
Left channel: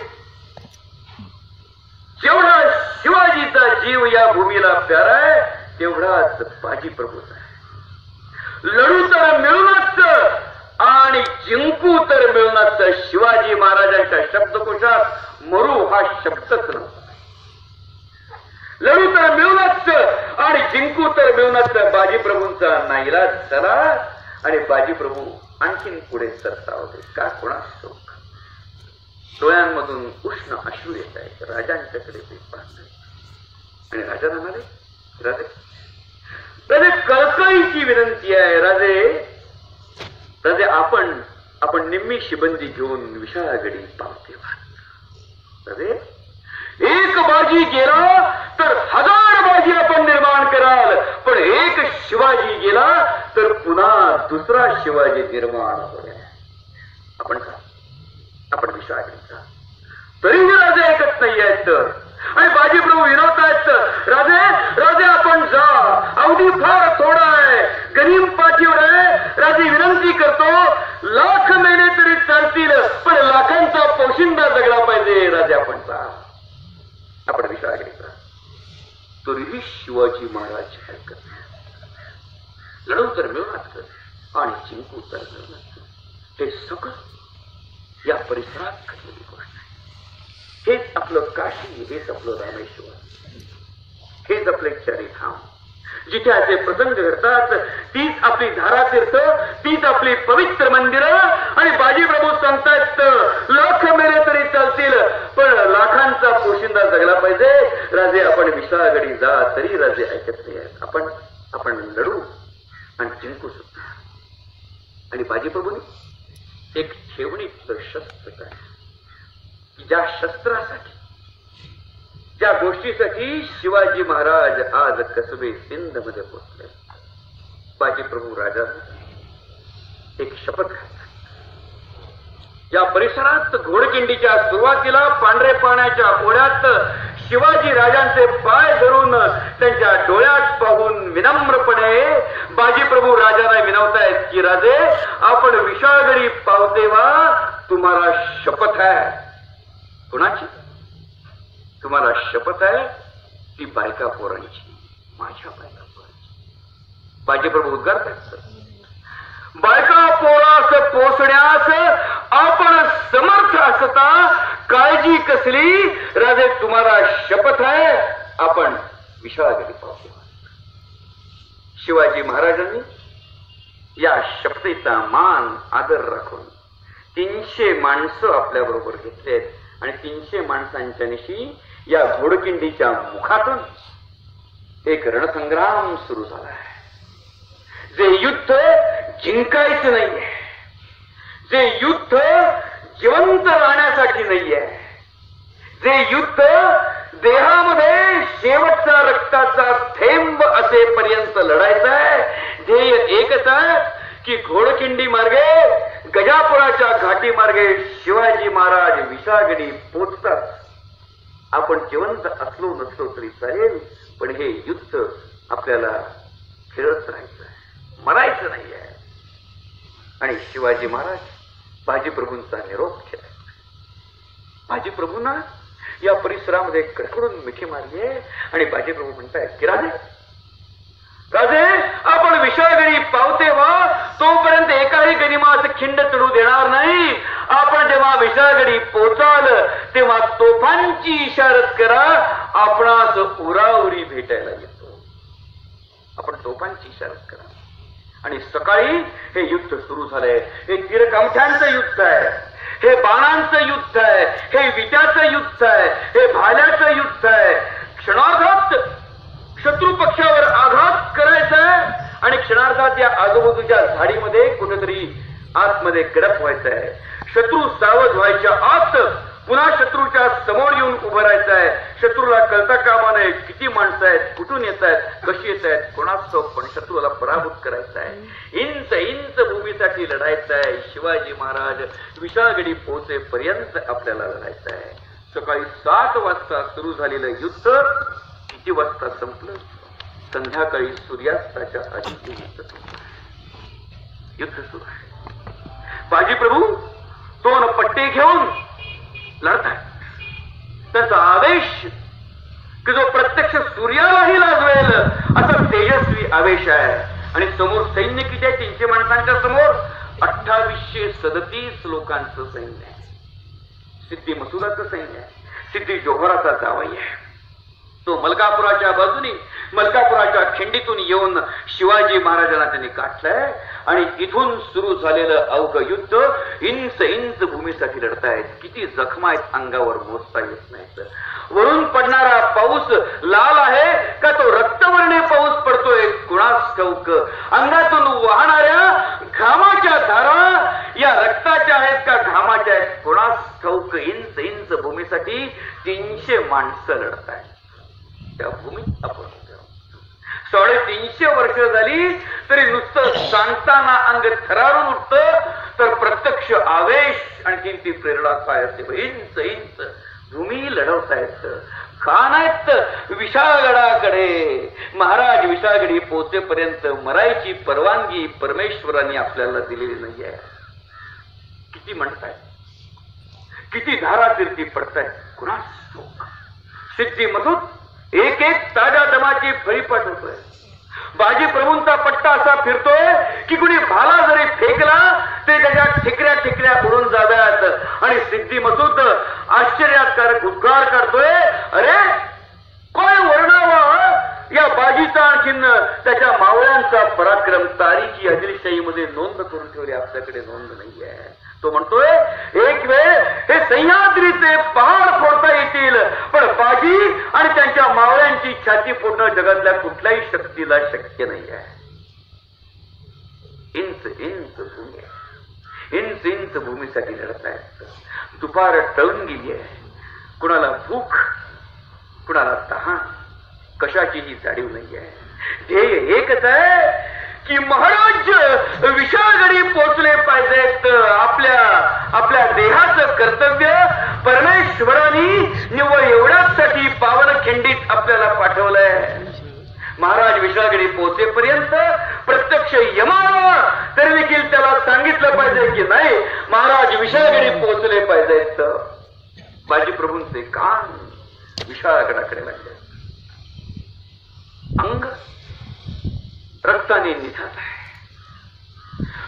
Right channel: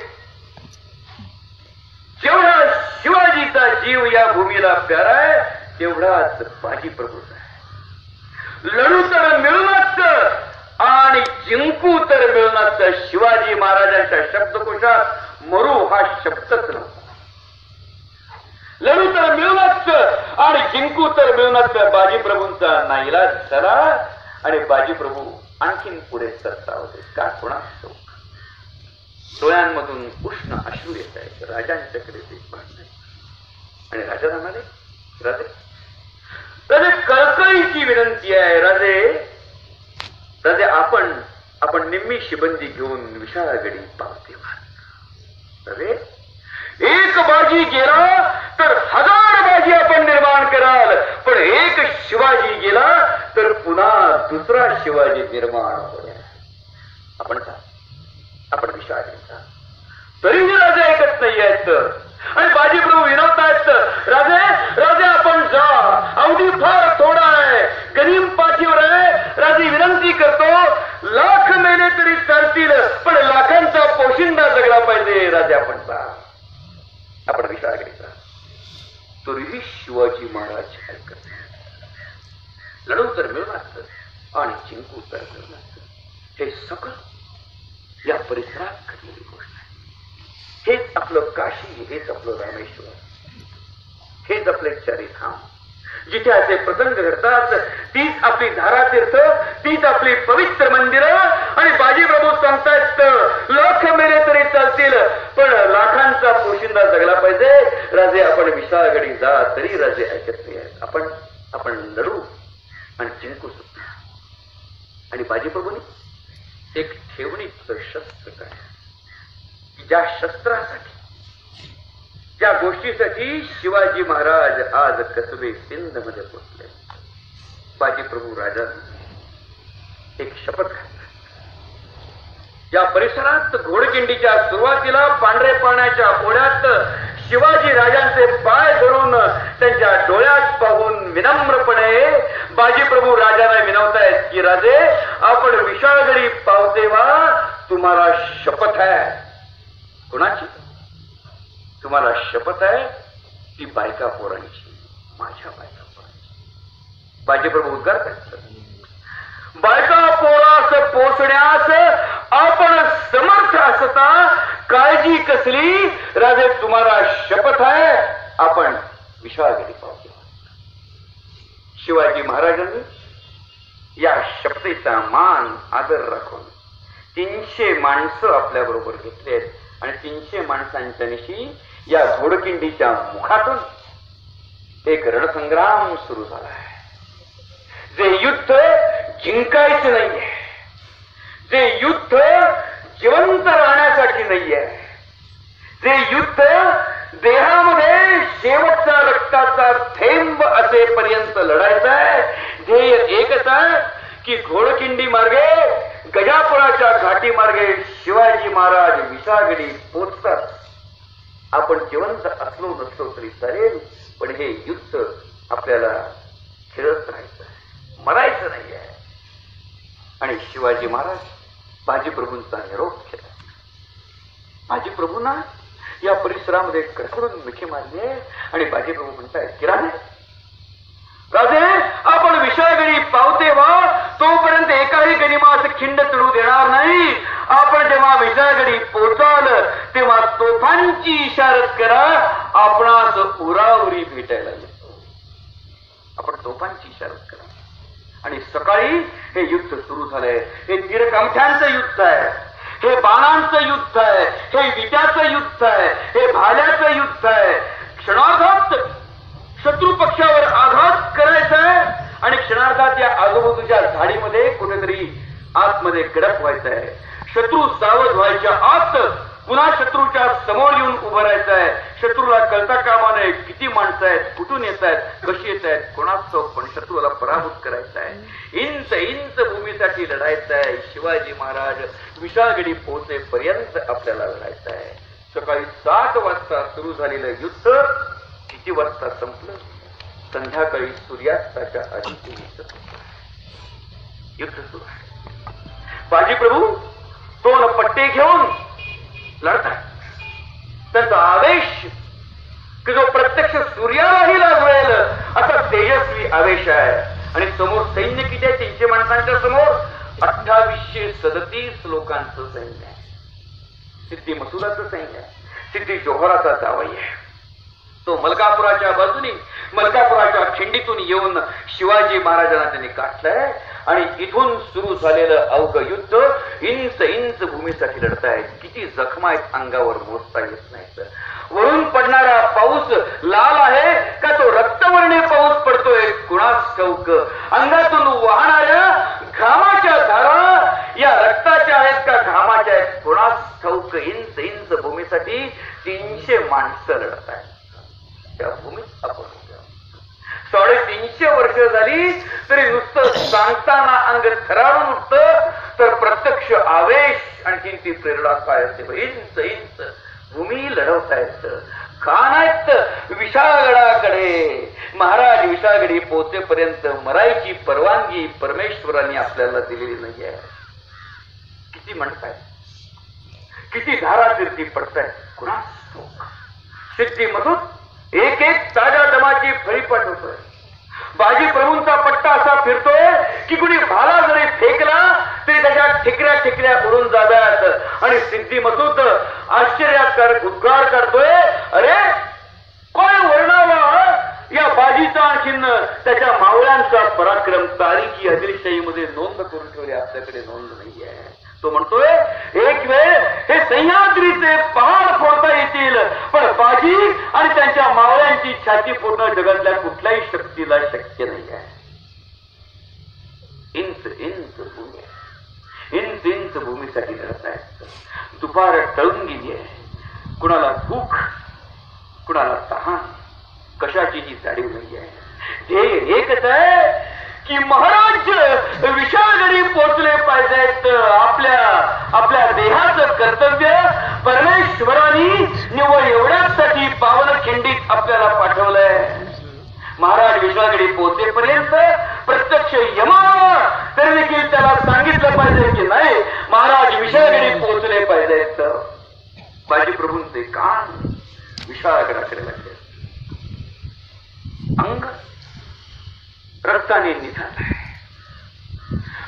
जेवढा शिवाजीचा जीव या भूमीला प्यारा आहे तेवढाच बाजी प्रभूचा आहे. लढू तर मिळूनच आणि जिंकू तर मिळूनच. शिवाजी महाराजांच्या शब्दकोशात मरू हा शब्दच नव्हता. लढू तर मिळूनच आणि जिंकू तर मिळूनच बाजी प्रभूंचा नाईलाज झाला आणि बाजी प्रभू आणखीन पुढे सरसावले. का कोणास ठाऊक. डोळ्यांमधून उष्ण अश्रू येत आहेत. राजांच्याकडे ते पाहत आणि राजा म्हणाले, राजे राजे कळकळीची विनंती आहे. राजे आपण निम्मी शिबंदी घेऊन विशाळगडी पावते व्हा. राजे एक बाजी गेला तर 1000 बाजी आपण निर्माण कराल, पण एक शिवाजी गेला तर पुन्हा दुसरा शिवाजी निर्माण होईल. आपण विशाळगडीचा तरी राजे ऐकत नाही आहेत आणि बाजी प्रभू विनवतायत. राजे आपण जा, अवधी फार थोडा आहे, गनीम पाठीवर आहे. राजे विनंती करतो, लाख मेले तरी चालतील पण लाखांचा पोशिंदा जगला पाहिजे. राजे आपण जा, आपण विशाळगडीचा. तरीही शिवाजी महाराज ऐकत लढू तर मिळणार आणि जिंकू तर मिळणार. हे सगळं या परिसरात घडलेली गोष्ट आहे. हेच आपलं काशी, हेच आपलं रामेश्वर, हेच आपले चारिधाम. जिथे असे प्रसंग घडतात तीच आपली धारातीर्थ, तीच आपली पवित्र मंदिरं. आणि बाजी प्रभू सांगतात लाख मेले तरी चालतील पण लाखांचा पोशिंदा जगला पाहिजे. राजे आपण विशाळगडी जा, तरी राजे ऐकत नाही. आपण लढू आणि जिंकू सुद्धा. आणि बाजी प्रभूंनी एक ठेवणीचं शस्त्र काय, ज्या शस्त्रासाठी, ज्या गोष्टीसाठी शिवाजी महाराज आज कसबे सिंध मध्ये पोहोचले. बाजी प्रभू राजा एक शपथ घातली. या परिसरात घोडकिंडीच्या सुरुवातीला पांढरे पाण्याच्या ओढ्यात शिवाजी राजांचे पाय धरून त्यांच्या डोळ्यात पाहून विनम्रपणे बाजी प्रभू राजांना विनवतायत की राजे आपण विशाळगडी पावते व्हा. तुम्हाला शपथ आहे. कुणाची? तुम्हाला शपथ आहे ती बायका पोरांची, माझ्या बायका पोरांची. बाजी प्रभू उद्गार करतात, बायका पोरास पोचण्यास आपण समर्थ असता काळजी कसली. राजे तुम्हाला शपथ आहे आपण विशाळगडी पावते. शिवाजी महाराजांनी या शपथेचा मान आदर राखून 300 माणसं आपल्या बरोबर घेतलेत आणि 300 माणसांच्या निशी या घोडकिंडीच्या मुखातून एक रणसंग्राम सुरू झालाय. जे युद्ध जिंकायचं नाहीये, जे युद्ध जिवंत राहण्यासाठी नाहीये, जे युद्ध देहामध्ये शेवटचा रक्ताचा थेंब असेपर्यंत लढायचं आहे. ध्येय एकच आहे की घोडकिंडी मार्गे गजापुराच्या घाटी मार्गे शिवाजी महाराज विशाळगडी पोचतात. आपण जिवंत असलो नसलो तरी चालेल, पण हे युद्ध आपल्याला खेळत राहायचं आहे, मरायचं नाहीये. आणि शिवाजी महाराज बाजीप्रभूंचा निरोप केला. बाजीप्रभूंना या परिसरामध्ये कडकडून मिठी मारली आहे आणि बाजीप्रभू म्हणतायत की राजे आपण विशाळगडी पावते व्हा, तोपर्यंत एकाही गनिमास खिंड चढू देणार नाही. आपण जेव्हा विशाळगडी पोहोचाल तेव्हा तोफांची इशारत करा, आपणास उराउरी भेटायला येतो. आपण तोफांची इशारत करा. आणि सकाळी हे युद्ध सुरू झालंय. हे तीरकमठ्यांचं युद्ध आहे, हे बाणांचं युद्ध आहे, हे विट्याचं युद्ध आहे, हे भाल्याचं युद्ध आहे. क्षणार्धात शत्रू पक्षावर आघात करायचा आहे आणि क्षणार्धात या आजूबाजूच्या झाडीमध्ये कुठेतरी आतमध्ये गडप व्हायचं आहे. शत्रू सावध व्हायच्या आत पुन्हा शत्रूच्या समोर येऊन उभं राहायचं आहे. शत्रूला कळता कामा नये किती माणसं आहेत, कुठून येत आहेत, कशी येत आहेत, कोणाचं, पण शत्रूला पराभूत करायचं आहे. इंच इंच भूमीसाठी लढायचं आहे. शिवाजी महाराज विशाळगडी पोहोचेपर्यंत आपल्याला लढायचं आहे. सकाळी 7 वाजता सुरू झालेलं युद्ध किती वाजता संपलं? संध्याकाळी सूर्यास्ताच्या आधी युद्ध सुरू आहे. बाजीप्रभू 2 पट्टे घेऊन लढतात. त्याचा आवेश की जो प्रत्यक्ष सूर्यालाही लागेल असा तेजस्वी आवेश आहे. आणि समोर सैन्य किती आहे? 300 माणसांच्या समोर 2837 लोकांचं सैन्य आहे. सिद्धी मसुदाचं सैन्य आहे. सिद्धी जोहराचा जावई आहे. तो मलकापुराच्या बाजूने मलकापुराच्या खिंडीतून येऊन शिवाजी महाराजांना त्यांनी काढलंय. आणि इथून सुरू झालेलं अवघ युद्ध इंच इंच भूमीसाठी लढतायत. किती जखमा आहेत अंगावर मोजता येत नाही. वरून पडणारा पाऊस लाल आहे का तो रक्तवर्णी पाऊस पडतोय कुणास ठाऊक. अंगातून वाहणाऱ्या घामाच्या धारा या रक्ताच्या आहेत का घामाच्या आहेत कुणास ठाऊक. इंच इंच भूमीसाठी 300 माणसं लढत आहेत. त्या भूमीत आपण 350 वर्ष झाली तरी नुसतं सांगताना अंग थरारून उठतं, तर प्रत्यक्ष आवेश आणखी ती प्रेरणा काय असते. इंच इंच भूमी लढवतायत. खानात विशाळगडाकडे महाराज विशाळगडी पोहोचेपर्यंत मरायची परवानगी परमेश्वराने आपल्याला दिलेली नाही आहे. किती म्हणतायत, किती धारा तीर्थी पडतायत कुणास. सिद्धीमधून एक एक ताज्या दमाची फळी पाठवतोय. बाजीप्रभूंचा पट्टा असा फिरतोय की कुणी भाला जरी फेकला तरी त्याच्या ठिकऱ्या ठिकऱ्या उडून जाव्यात. आणि सिद्धी मसूद आश्चर्यकारक उद्गार करतोय, अरे काय वर्णावा या बाजीचा चिन्ह, त्याच्या मावळ्यांचा पराक्रम तारीखी आदिलशाहीमध्ये नोंद करून ठेवली, आपल्याकडे नोंद नाही आहे. तो म्हणतोय एक वेळ हे सह्याद्रीचे पहाड फोडता येतील, पण बाजी आणि त्यांच्या मावळ्यांची छाती फोडणं जगातल्या कुठल्याही शक्तीला शक्य नाही आहे. इंच इंच भूमी, इंच इंच भूमीसाठी लढत आहेत. दुपार टळून गेली आहे. कुणाला भूक, कुणाला तहान, कशाचीही जाणीव नाही आहे. ध्येय एकच आहे की महाराज विशाळगडी पोचले पाहिजेत. आपल्या देहाचं कर्तव्य परमेश्वरांनी निव्वळ एवढ्यासाठी पावन खिंडीत आपल्याला पाठवलंय. महाराज विशाळगडी पोहोचेपर्यंत प्रत्यक्ष यमावा तरी देखील त्याला सांगितलं पाहिजे की नाही महाराज विशाळगडी पोहोचले पाहिजेत. बाजीप्रभूंचे कान विशाळगडाकडे लागले. अंग रक्ताने निघाला आहे.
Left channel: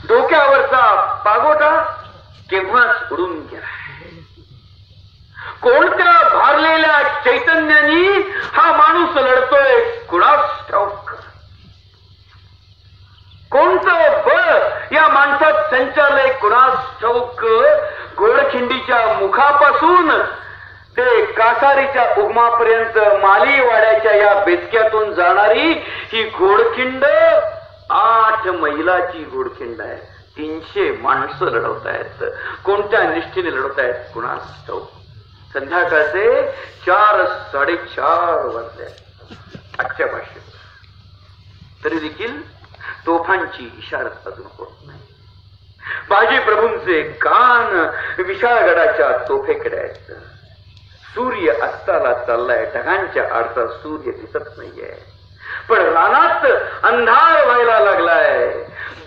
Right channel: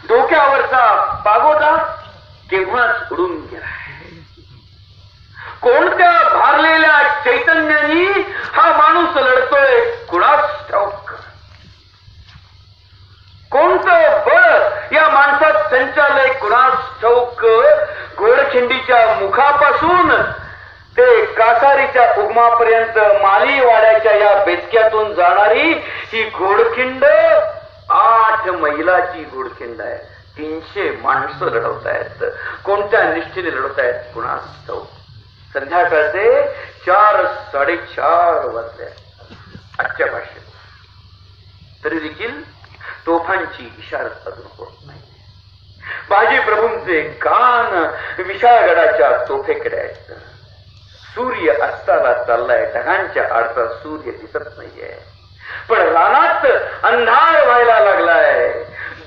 डोक्यावरचा पागोटा केव्हाच उडून गेला. कोणत्या भारलेल्या चैतन्यानी हा माणूस लढतोय कुणास ठाऊक. कोणतं बळ उगमापर्यंत मालीवाड्याच्या या बेचक्यातून जाणारी ही घोडखिंड 8 मैलाची घोडखिंड आहे. 300 माणसं लढवतायत. कोणत्या निष्ठेने लढवतायत कुणास ठाऊक. संध्याकाळचे 4-4:30 वाजले आजच्या भाषेत. तरी देखील तोफांची इशारत अजून होत नाही. बाजी प्रभूंचे कान विशाळगडाच्या तोफेकडे आहेत. सूर्य अस्ताला चाललाय. ढगांच्या आडचा सूर्य दिसत नाहीये. पण रानात अंधार व्हायला लागलाय.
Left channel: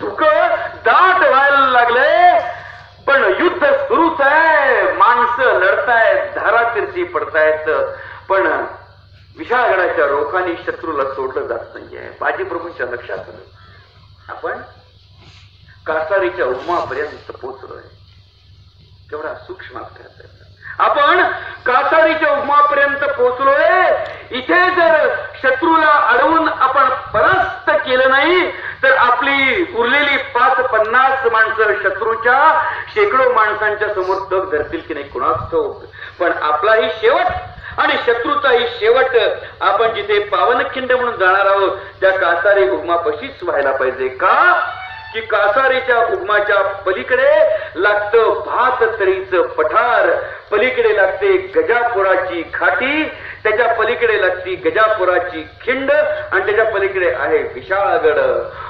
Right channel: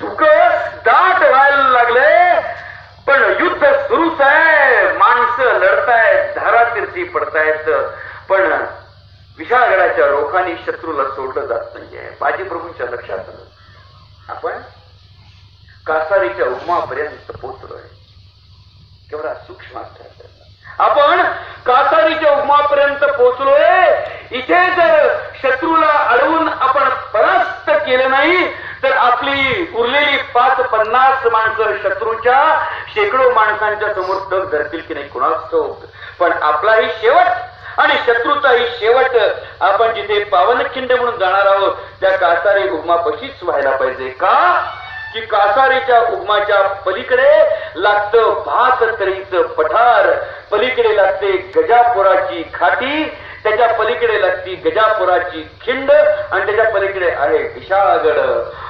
धुक दाट व्हायला लागले. पण युद्ध सुरूच आहे. माणसं लढतायत. धारातीर्थी पडतायत. पण विशाळगडाच्या रोखाने शत्रूला सोडलं जात नाहीये. बाजी प्रभूंच्या लक्षात आलं आपण कासारीच्या उगमापर्यंत पोहोचलोय. केवढा सूक्ष्म अभ्यास आहे. आपण कासारीच्या उगमापर्यंत पोहोचलोय. इथे जर शत्रूला अडवून आपण परास्त केलं नाही तर आपली उरलेली 5-50 माणसं शत्रूच्या शेकडो माणसांच्या समोर तग धरतील की नाही कुणास ठाऊक. पण आपलाही शेवट आणि शत्रूचाही शेवट आपण जिथे पावनखिंड म्हणून जाणार आहोत त्या कासारी उगमापाशीच व्हायला पाहिजे. का की कासारीच्या उगमाच्या पलीकडे लागतं भाततळीचं पठार. पलीकडे लागते गजापुराची घाटी. त्याच्या पलीकडे लागती गजापुराची खिंड आणि त्याच्या पलीकडे आहे विशाळगड.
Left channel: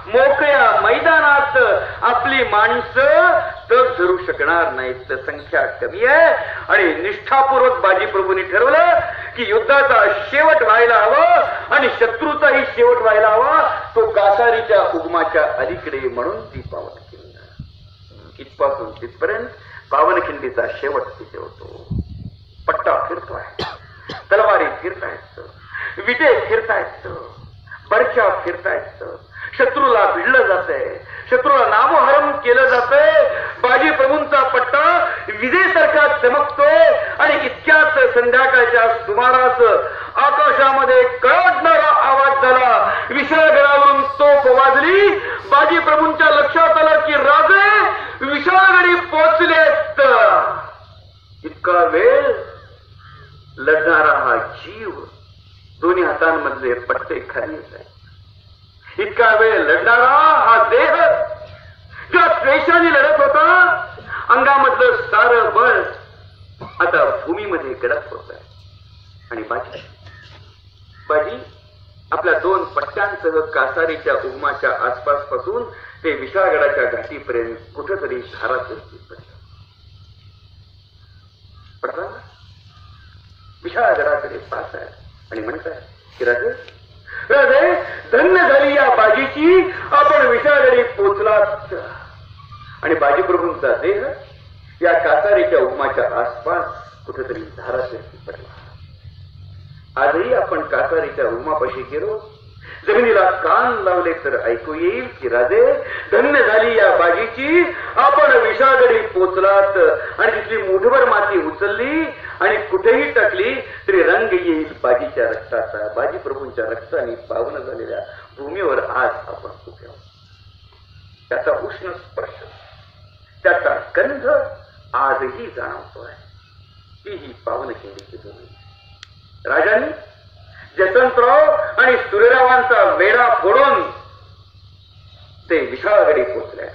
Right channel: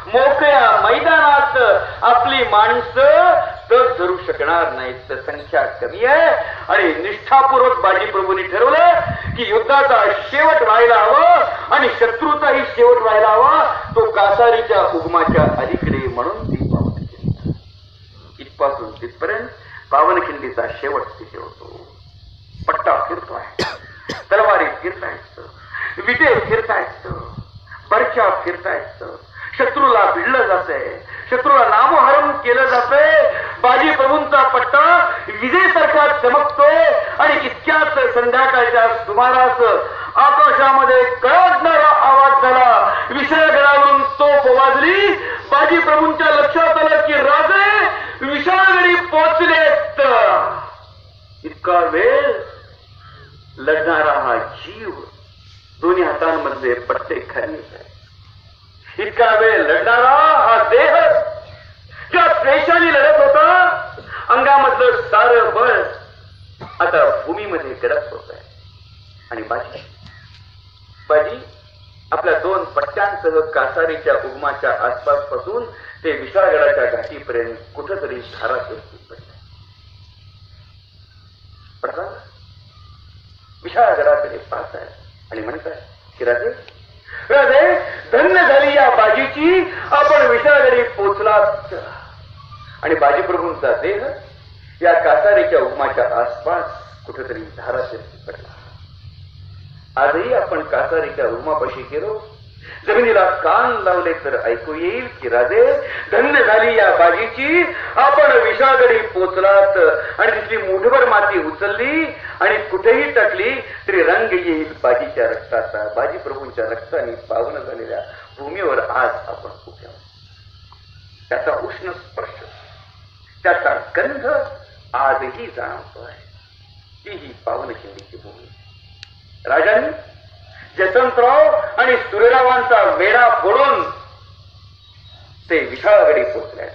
मोकळ्या मैदानात आपली माणसं तग धरू शकणार नाहीत. संख्या कमी आहे. आणि निष्ठापूर्वक बाजी प्रभूंनी ठरवलं की युद्धाचा शेवट व्हायला हवं आणि शत्रूचाही शेवट व्हायला हवा तो कासारीच्या उगमाच्या अलीकडे. म्हणून ती पावनखिंड. इथपासून तिथपर्यंत पावनखिंडीचा शेवट तिथे होतो. पट्टा फिरतोय. तलवारी फिरतायत. विटे फिरतायत. बर्च्या फिरतायत. शत्रूला भिडलं जातंय. शत्रूला नामोहरण केलं जातंय. बाजी प्रभूंचा पट्टा विजेसारखा चमकतोय. आणि इतक्यात संध्याकाळच्या सुमारास आकाशामध्ये कळवणारा आवाज झाला. विशाळगडावरून तोफ वाजली. बाजी प्रभूंच्या लक्षात आलं की राजे विशाळगडी पोहोचलेत. इतका वेळ लढणारा हा जीव दोन्ही हातांमधले पट्टे खाली आहे. इतका वेळ लढणारा हा देह ज्या द्वेषाने लढत होता अंगामधलं सारं बळ आता भूमीमध्ये गडप होत आहे. आणि बाजी आपल्या 2 पट्ट्यांसह कासारीच्या उगमाच्या आसपास पासून ते विशाळगडाच्या घाटीपर्यंत कुठंतरी धारातीर्थी पडला. विशाळगडाकडे पाहत आहे आणि म्हणताय की राजे राजे धन्य झाली या बाजीची. आपण विशाळगडी पोचलात. आणि बाजी प्रभूंचा देह या कासारीच्या उगमाच्या आसपास कुठेतरी धारातीर्थी पडला. आजही आपण कासारीच्या उगमापाशी गेलो. जमिनीला कान लावले तर ऐकू येईल की राजे धन्य झाली या बाजीची. आपण विशाळगडी पोचलात. आणि तिथली मुठभर माती उचलली आणि कुठेही टाकली तरी रंग येईल बाजीच्या रक्ताचा. बाजी प्रभूंच्या रक्ताने पावन झालेल्या भूमीवर आज आपण उभे आहोत. त्याचा उष्ण स्पर्श त्याचा गंध आजही जाणवतोय. तीही पावनखिंडीची भूमी. राजांनी जसवंतराव आणि सूर्यरावांचा वेढा फोडून ते विशाळगडी पोचले.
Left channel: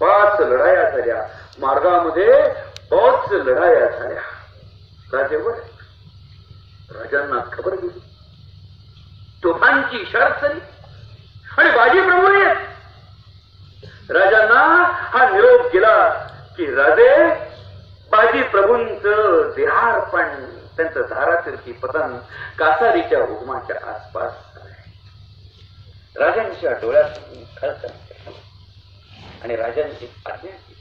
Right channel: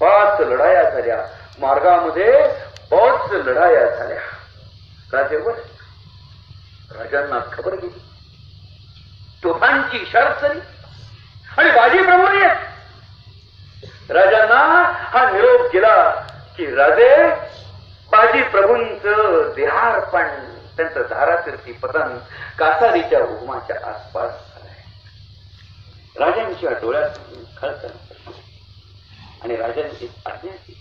5 लढाया झाल्या. मार्गामध्ये 5 लढाया झाल्या. राजेवर राजांना खबर गेली. तोफांची इशारत झाली आणि बाजी प्रभू राजांना हा निरोप गेला की राजे बाजी प्रभूंचं देहार्पण त्यांचं धारातीर्थी पतन कासारीच्या उगमाच्या आसपास झालंय. राजांच्या डोळ्यात खळखळ आणि राजांची आज्ञा केली.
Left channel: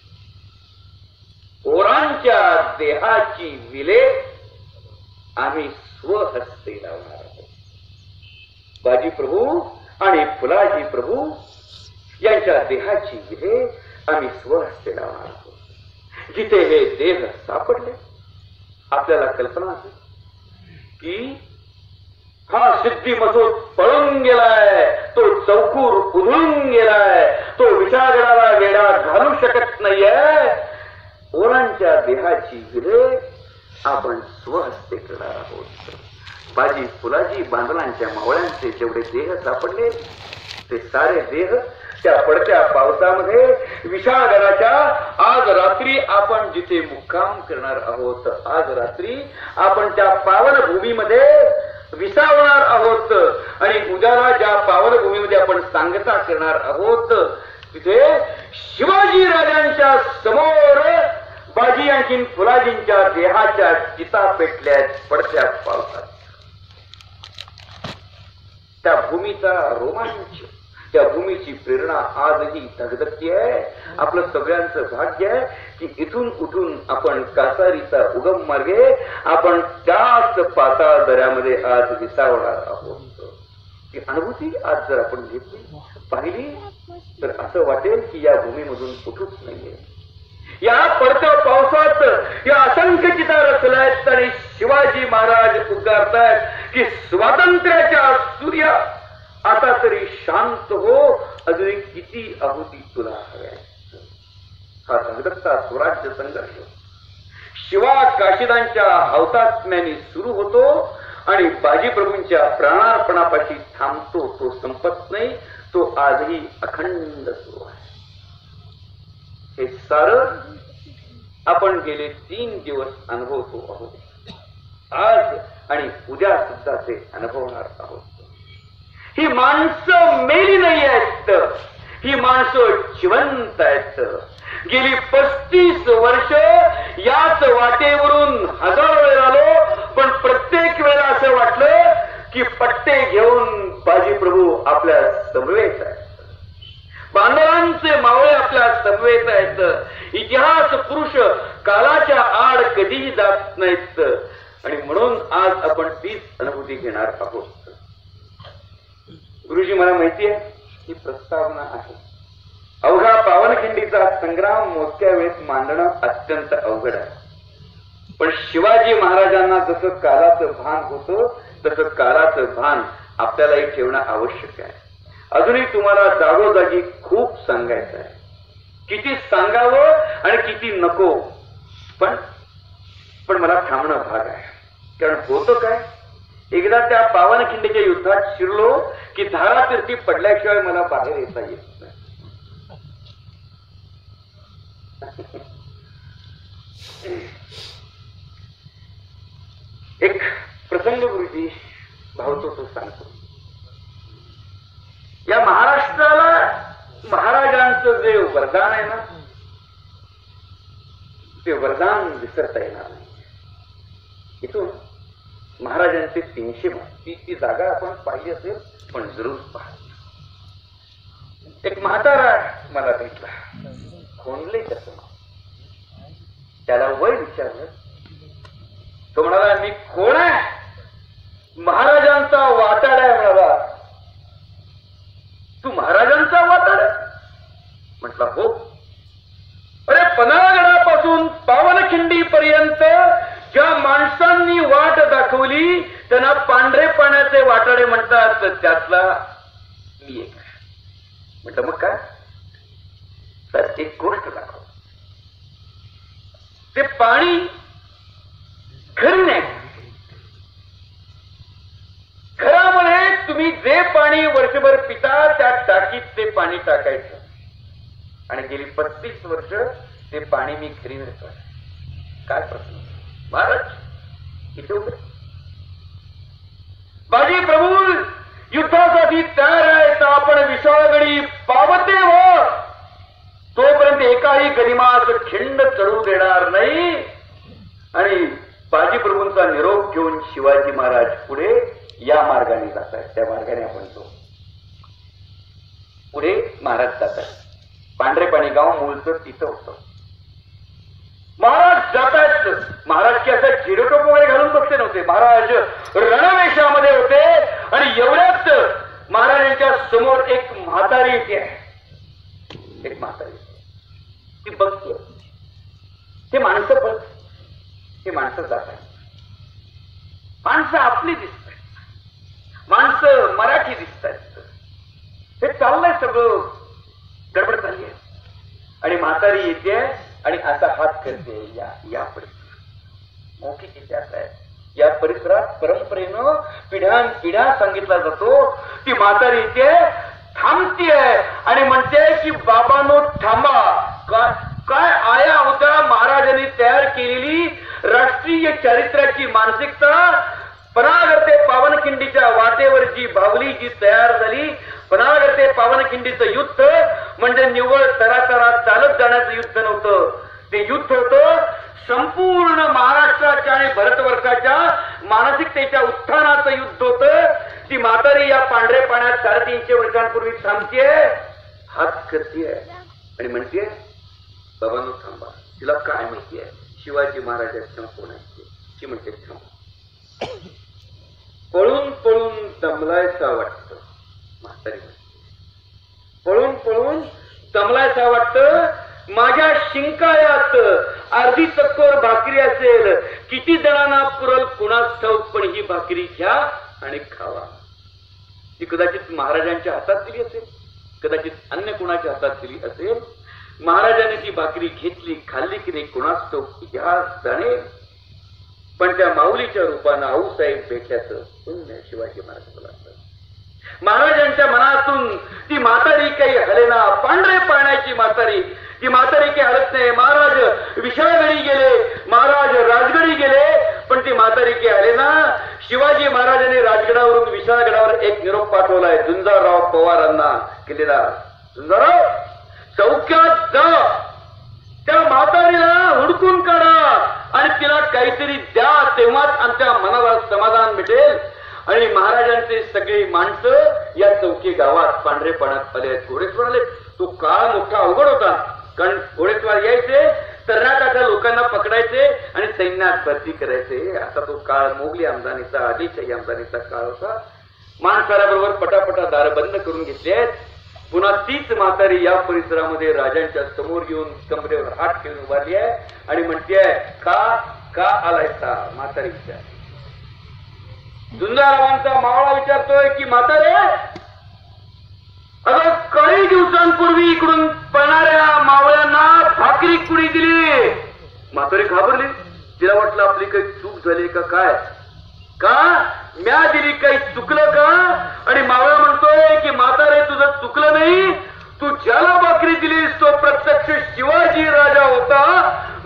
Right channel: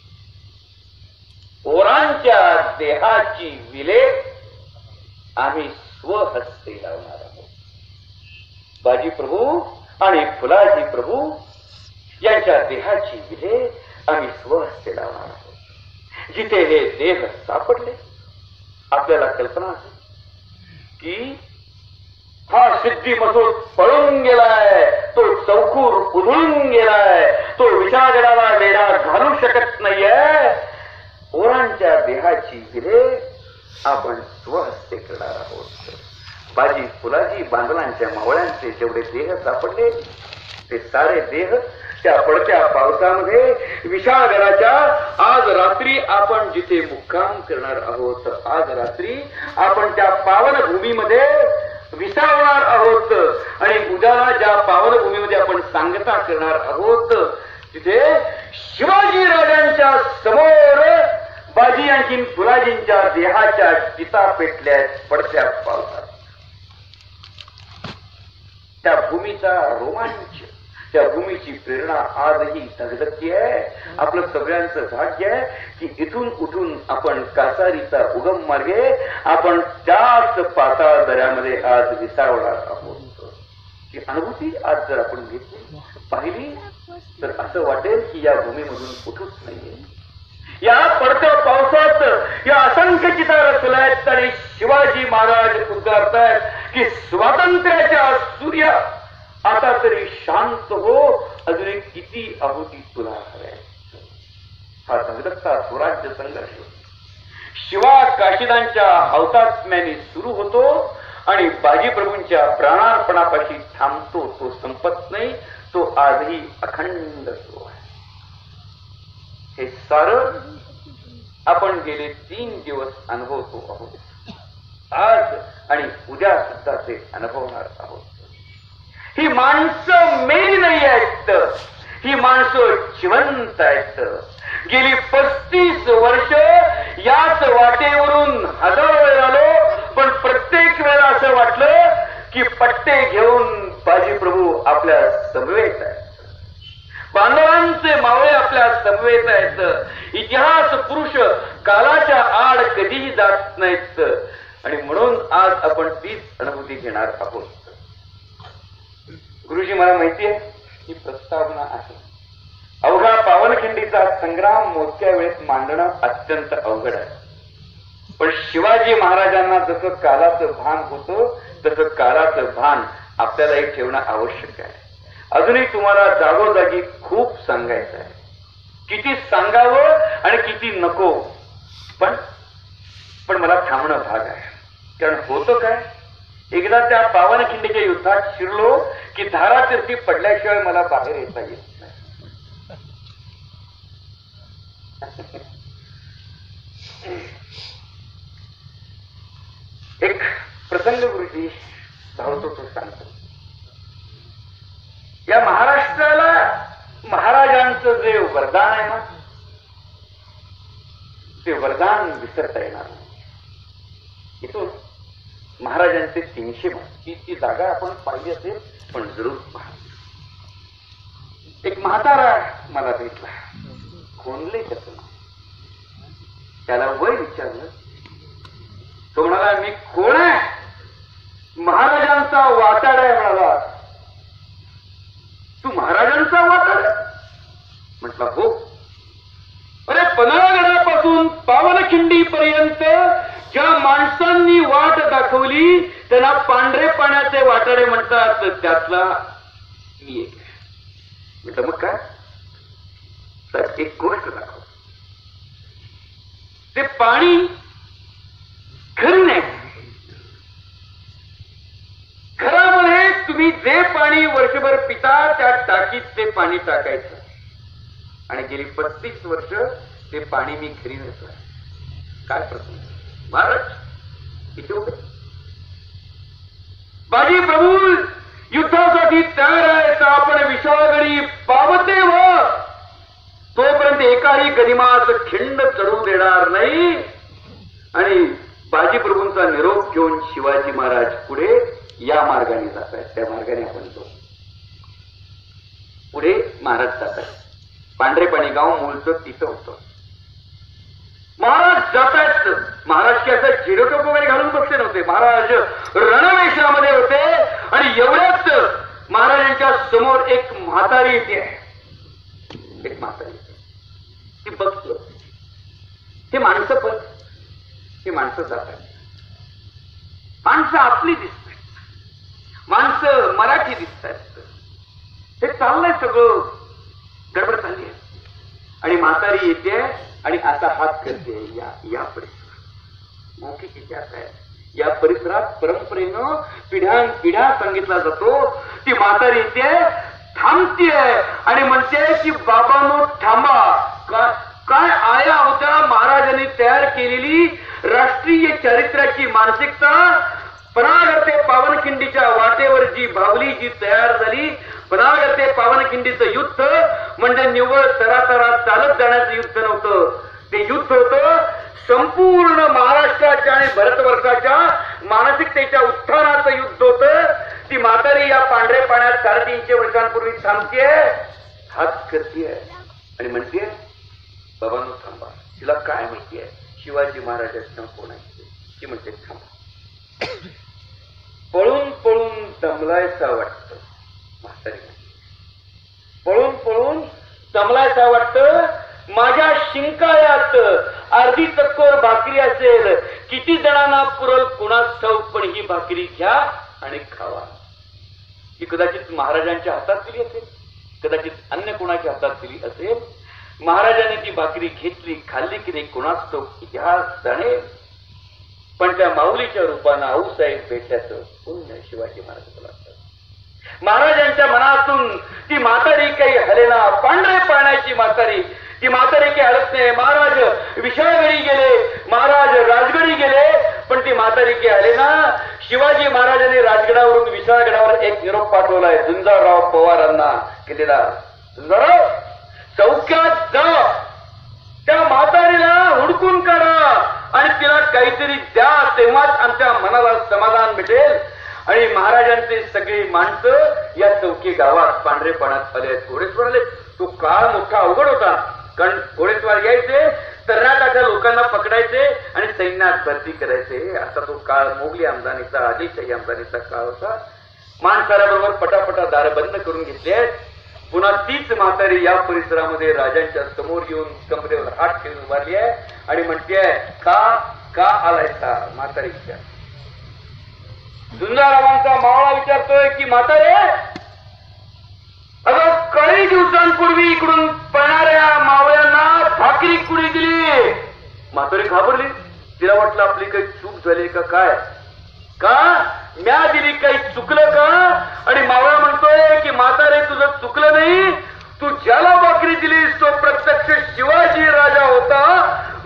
पोरांच्या देहाची विले आम्ही स्वहस्ते लावणार आहोत. बाजी प्रभू आणि फुलाजी प्रभू यांच्या देहाची विले आम्ही स्वहस्ते लावणार आहोत. जिथे हे देह सापडले आपल्याला कल्पना आहे की हा सिद्धी मसूद पळून गेलाय. तो चौकूर उधळून गेलाय. तो विशाळगडाला वेढा घालू शकत नाहीये. पोरांच्या देहाची विले आपण स्वहस्ते करणार आहोत. बाजी फुलाजी बांधवांच्या मावळ्यांचे जेवढे देह सापडले ते सारे देह त्या पडत्या पावसामध्ये विशाळगडाच्या आज रात्री आपण जिथे मुक्काम करणार आहोत, आज रात्री आपण त्या पावन भूमीमध्ये विसावणार आहोत आणि उद्याला ज्या पावन भूमीमध्ये आपण सांगता करणार आहोत तिथे शिवाजी राजांच्या समोर बाजी आणखी फुलाजींच्या देहाच्या चिता पेटल्या पडत्या पावसात. त्या भूमीचा रोमांच, त्या भूमीची प्रेरणा आजही धगधगती आहे. आपलं सगळ्यांचं भाग्य आहे की इथून उठून आपण कासारीचा उगम मार्गे आपण त्याच पाताळ दऱ्यामध्ये आज विसावणार आहोत. ही अनुभूती आज जर आपण घेतली पाहिली तर असं वाटेल की या भूमीमधून कुठूच नाहीये. या पडत्या पावसात या असंख्य चिता रचल्यात आणि शिवाजी महाराज उद्गारतायत की स्वातंत्र्याच्या सूर्या आता तरी शांत हो, अजून किती आहुती तुला हव्या. हा धगधगता स्वराज्य संघर्ष शिवा काशीदांच्या हौतात्म्याने सुरू होतो आणि बाजीप्रभूंच्या प्राणार्पणापाशी थांबतो. तो संपत नाही, तो आजही अखंड सुरू आहे. हे सारं आपण गेले 3 दिवस अनुभवतो आहोत. आज आणि उद्या सुद्धा ते अनुभवणार आहोत. ही माणसं मेली नाही आहेत, ही माणसं जिवंत आहेत. गेली 35 वर्ष याच वाटेवरून हजारो वेळ आलो, पण प्रत्येक वेळा असं वाटलं की पट्टे घेऊन बाजीप्रभू आपल्या समवेत आहेत, बांधवांचे मावळे आपल्या समवेत आहेत. इतिहास पुरुष कालाच्या आड कधीही जात नाहीत आणि म्हणून आज आपण तीच अनुभूती घेणार आहोत. गुरुजी, मला माहिती आहे ही प्रस्तावना आहे. अवघा पावनखिंडीचा संग्राम मोजक्या वेळेस मांडणं अत्यंत अवघड आहे. पण शिवाजी महाराजांना जसं कालाचं भान होतं तसं कालाचं भान आपल्यालाही ठेवणं आवश्यक आहे. अजूनही तुम्हाला जागोजागी खूप सांगायचं आहे. किती सांगावं आणि किती नको, पण मला थांबणं भाग आहे. कारण होतं काय, एकदा त्या पावनखिंडीच्या युद्धात शिरलो की धारातीर्थी पडल्याशिवाय मला बाहेर येता येत नाही. एक प्रसंग गुरुजी भावतो तो सांगतो. या महाराष्ट्राला महाराजांचं जे वरदान आहे ना, ते वरदान विसरता येणार नाही. इथून महाराजांचे 300 ती जागा आपण पाहिली असेल, पण जरूर पहा. एक म्हातारा मला भेटला, खोंडले त्याचं नाव. त्याला वय विचारलं. तो म्हणाला, मी कोण आहे? महाराजांचा वाटाड आहे म्हणाला. तू महाराजांचा वाटाड? म्हटलं हो. अरे, पन्हाळगडापासून पावनखिंडी पर्यंत ज्या माणसांनी वाट दाखवली त्यांना पांढरे पाण्याचे वाटाडे म्हणतात, त्यातला मी एक. म्हटलं मग काय? तर एक गोष्ट दाखव. ते पाणी घरी नाही, घरामध्ये तुम्ही जे पाणी वर्षभर पिता त्या टाकीत ते पाणी टाकायचं आणि गेली 35 वर्ष ते पाणी मी घरी नेतोय. काय प्रसंग महाराज, किती होते? बाजी प्रभू युद्धासाठी तयार आहे तर आपण विशाळगडी पावते व तोपर्यंत एकाही गनिमात खिंड चढू देणार नाही. आणि बाजी प्रभूंचा निरोप घेऊन शिवाजी महाराज पुढे या मार्गाने जात आहेत. त्या मार्गाने आपण जाऊ. पुढे महाराज जात आहेत. पांढरे पाणी गाव मूळचं तिथं होतं. महाराज जातात. महाराज की असं जिरोटोप वगैरे घालून बसले नव्हते. महाराज रणवेशामध्ये होते आणि एवढ्याच महाराजांच्या समोर एक म्हातारी येते. एक म्हातारी ती बघतो. ते माणसं बघ, हे माणसं जातात. माणसं आपली दिसत आहेत, माणसं मराठी दिसत आहेत. हे चाललंय सगळं गडबड झाली आहे. आणि म्हातारी येते आणि असा हात करते, या या परिसरात मोठी किती आहे. या परिसरात परंपरेनं पिढ्यान सांगितला जातो. ती म्हातारी इथे थांबतीये आणि म्हणते की बाबांनो थांबा. काय आया अवतारा महाराजांनी तयार केलेली राष्ट्रीय चारित्र्याची मानसिकता पनागरते पावनखिंडीच्या वाटेवर जी बावली जी तयार झाली. पनागरते पावनखिंडीचं युद्ध म्हणजे निव्वळ तरातरा चालत जाण्याचं युद्ध नव्हतं. ते युद्ध होतं संपूर्ण महाराष्ट्राच्या आणि भारतवर्षाच्या मानसिकतेच्या उत्थानाचं युद्ध होतं. ती म्हातारी या पांढरे पाण्यात 350 वर्षांपूर्वी थांबतीये, हात करतीये आणि म्हणतीये बाबांनो थांबा. तिला काय माहितीये शिवाजी महाराजांना कोण आहे. ती म्हणते थांबा. पळून पळून दमलायचं वाटतं. म्हातारी पळून पळून दमलायचं वाटतं. माझ्या शिंकाळ्यात अर्धी चक्कर भाकरी असेल. किती जणांना पुरल कुणास ठाऊक, पण ही भाकरी घ्या आणि खावा. ती कदाचित महाराजांच्या हातात दिली असेल, कदाचित अन्य कोणाच्या हातात दिली असेल. महाराजांनी ती भाकरी घेतली, खाल्ली की नाही कुणास ठाऊक, इतिहास जाणे. पण त्या माऊलीच्या रूपानं आऊसाहेब भेटल्याचं पुण्य शिवाजी महाराज लागतं. महाराजांच्या मनातून ती म्हातारी काही हलेना. पांढरे पाण्याची म्हातारी. ती म्हातारी काही हलत नाही. महाराज विशाळगडी गेले, महाराज राजगडी गेले, पण ती म्हातारी काही हलेना. शिवाजी महाराजांनी राजगडावरून विशाळगडावर एक निरोप पाठवलाय झुंजारराव पवारांना केलेला. झुंजारराव चौक्यात जा, त्या म्हातारीला हुडकून काढा आणि तिला काहीतरी द्या, तेव्हाच आमच्या मनाला समाधान मिळेल. आणि महाराजांचे सगळे माणसं या चौकी गावात पांढरे पाण्यात आले. घोडेस्वार आले. तो काळ मोठा अवघड होता, कारण घोडेस्वार यायचे, तर्राटाच्या लोकांना पकडायचे आणि सैन्यात भरती करायचे. असा तो काळ मोगली आमदानीचा, आदिलशाही आमदानीचा काळ होता. माणसाऱ्याबरोबर पटापटा दार बंद करून घेतले. पुन्हा तीच म्हातारी या परिसरामध्ये राजांच्या समोर येऊन कमरेवर हात ठेवून उभारली आहे आणि म्हणतेय का आलायचा. म्हातारीच्या झुंजारावांचा मावळा विचारतोय की म्हातारे, अगं काही दिवसांपूर्वी इकडून पळणाऱ्या मावळ्यांना भाकरी कुणी दिली. म्हातारी घाबरली. तिला वाटलं आपली काही चूक झाली का काय, का म्या दिली, काही चुकलं का. आणि मावळा म्हणतोय की म्हातारे तुझं चुकलं नाही, तू ज्याला भाकरी दिलीस तो प्रत्यक्ष शिवाजी राजा होता.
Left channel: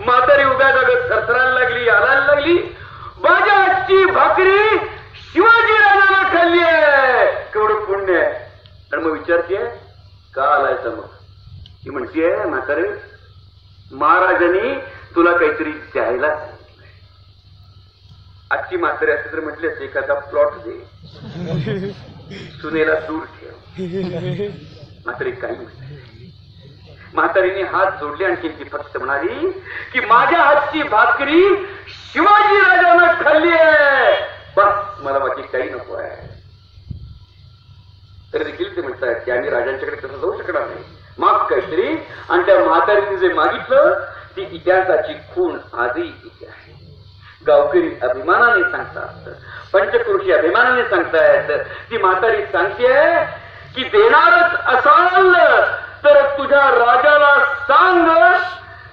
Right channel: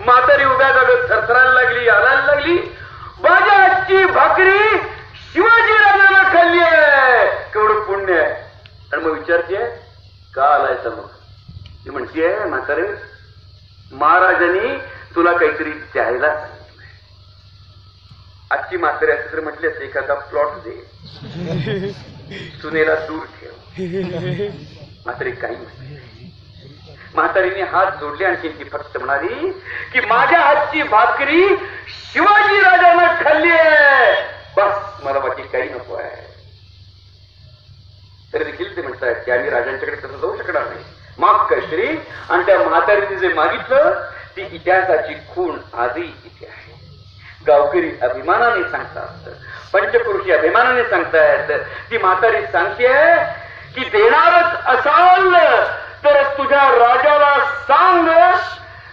म्हातारी उभ्या जागेत थरथरायला लागली, हलायला लागली. माझ्या आजची भाकरी शिवाजी राजाला खाल्ली आहे, केवढं पुण्य आहे. आणि मग विचारतीये का आलायचं. मग ती म्हणतीये म्हातारे महाराजांनी तुला काहीतरी द्यायला. आजची म्हातारी असं तरी म्हटली असते एखादा प्लॉट दे, सुनेला दूर ठेव. म्हातारी काही नाही. म्हातारीने हात जोडले आणि ती फक्त म्हणाली की माझ्या हातची भाकरी शिवाजी राजांना खाल्ली आहे, बस मला बाकी काही नको आहे. तरी देखील ते म्हणतात की आम्ही राजांच्याकडे कसं जाऊ शकणार नाही, माफ काहीतरी. आणि त्या म्हातारीने जे मागितलं ती इतिहासाची खूण आजही इथे आहे. गावकरी अभिमानाने सांगतात, पंचक्रोशी अभिमानाने सांगतायत. ती म्हातारी सांगतेय की देणारच असाल तर तुझ्या राजाला सांग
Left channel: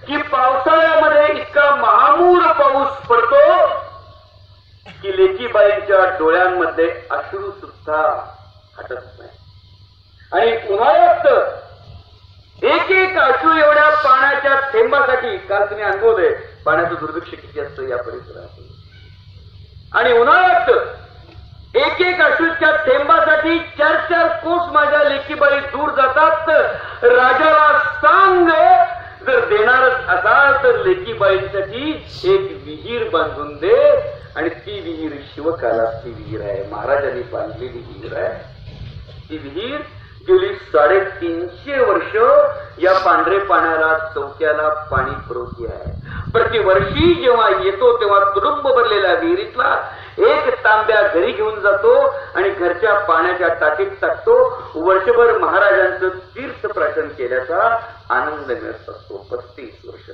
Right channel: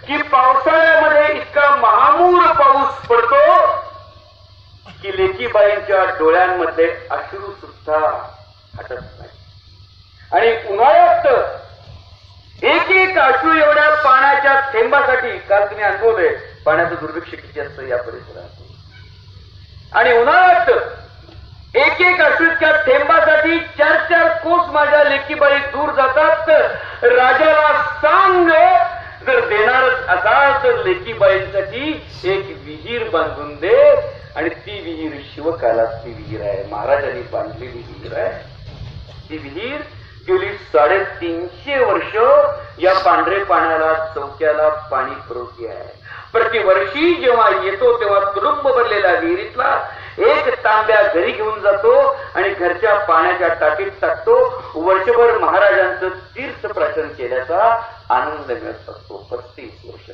की पावसाळ्यामध्ये इतका महामूर पाऊस पडतो की लेकीबाईंच्या डोळ्यांमध्ये अश्रू सुद्धा हटत नाही. आणि उन्हाळ्यात एक एक अश्रू एवढ्या पाण्याच्या थेंबासाठी, काल तुम्ही अनुभवलंय पाण्याचं दुर्भिक्ष किती असतं या परिसरात. आणि उन्हाळ्यात एक एक अश्रूच्या थेंबासाठी 4-4 कोस माझ्या लेकीबाई दूर जातात. राजाला सांग जर देणारच असाल तर लेकीबाईंसाठी एक विहीर बांधून दे. आणि ती विहीर शिवकालाची विहीर आहे, महाराजांनी बांधलेली विहीर आहे. ती विहीर गेली 350 वर्ष या पांढरे पाण्याला चौक्याला पाणी पुरवठी आहे. प्रतिवर्षी जेव्हा येतो तेव्हा तुडुंब भरलेल्या विहिरीतला एक तांब्या घरी घेऊन जातो आणि घरच्या पाण्याच्या टाकीत टाकतो. वर्षभर महाराजांचं तीर्थ प्राशन केल्याचा आनंद मिळत असतो. 35 वर्ष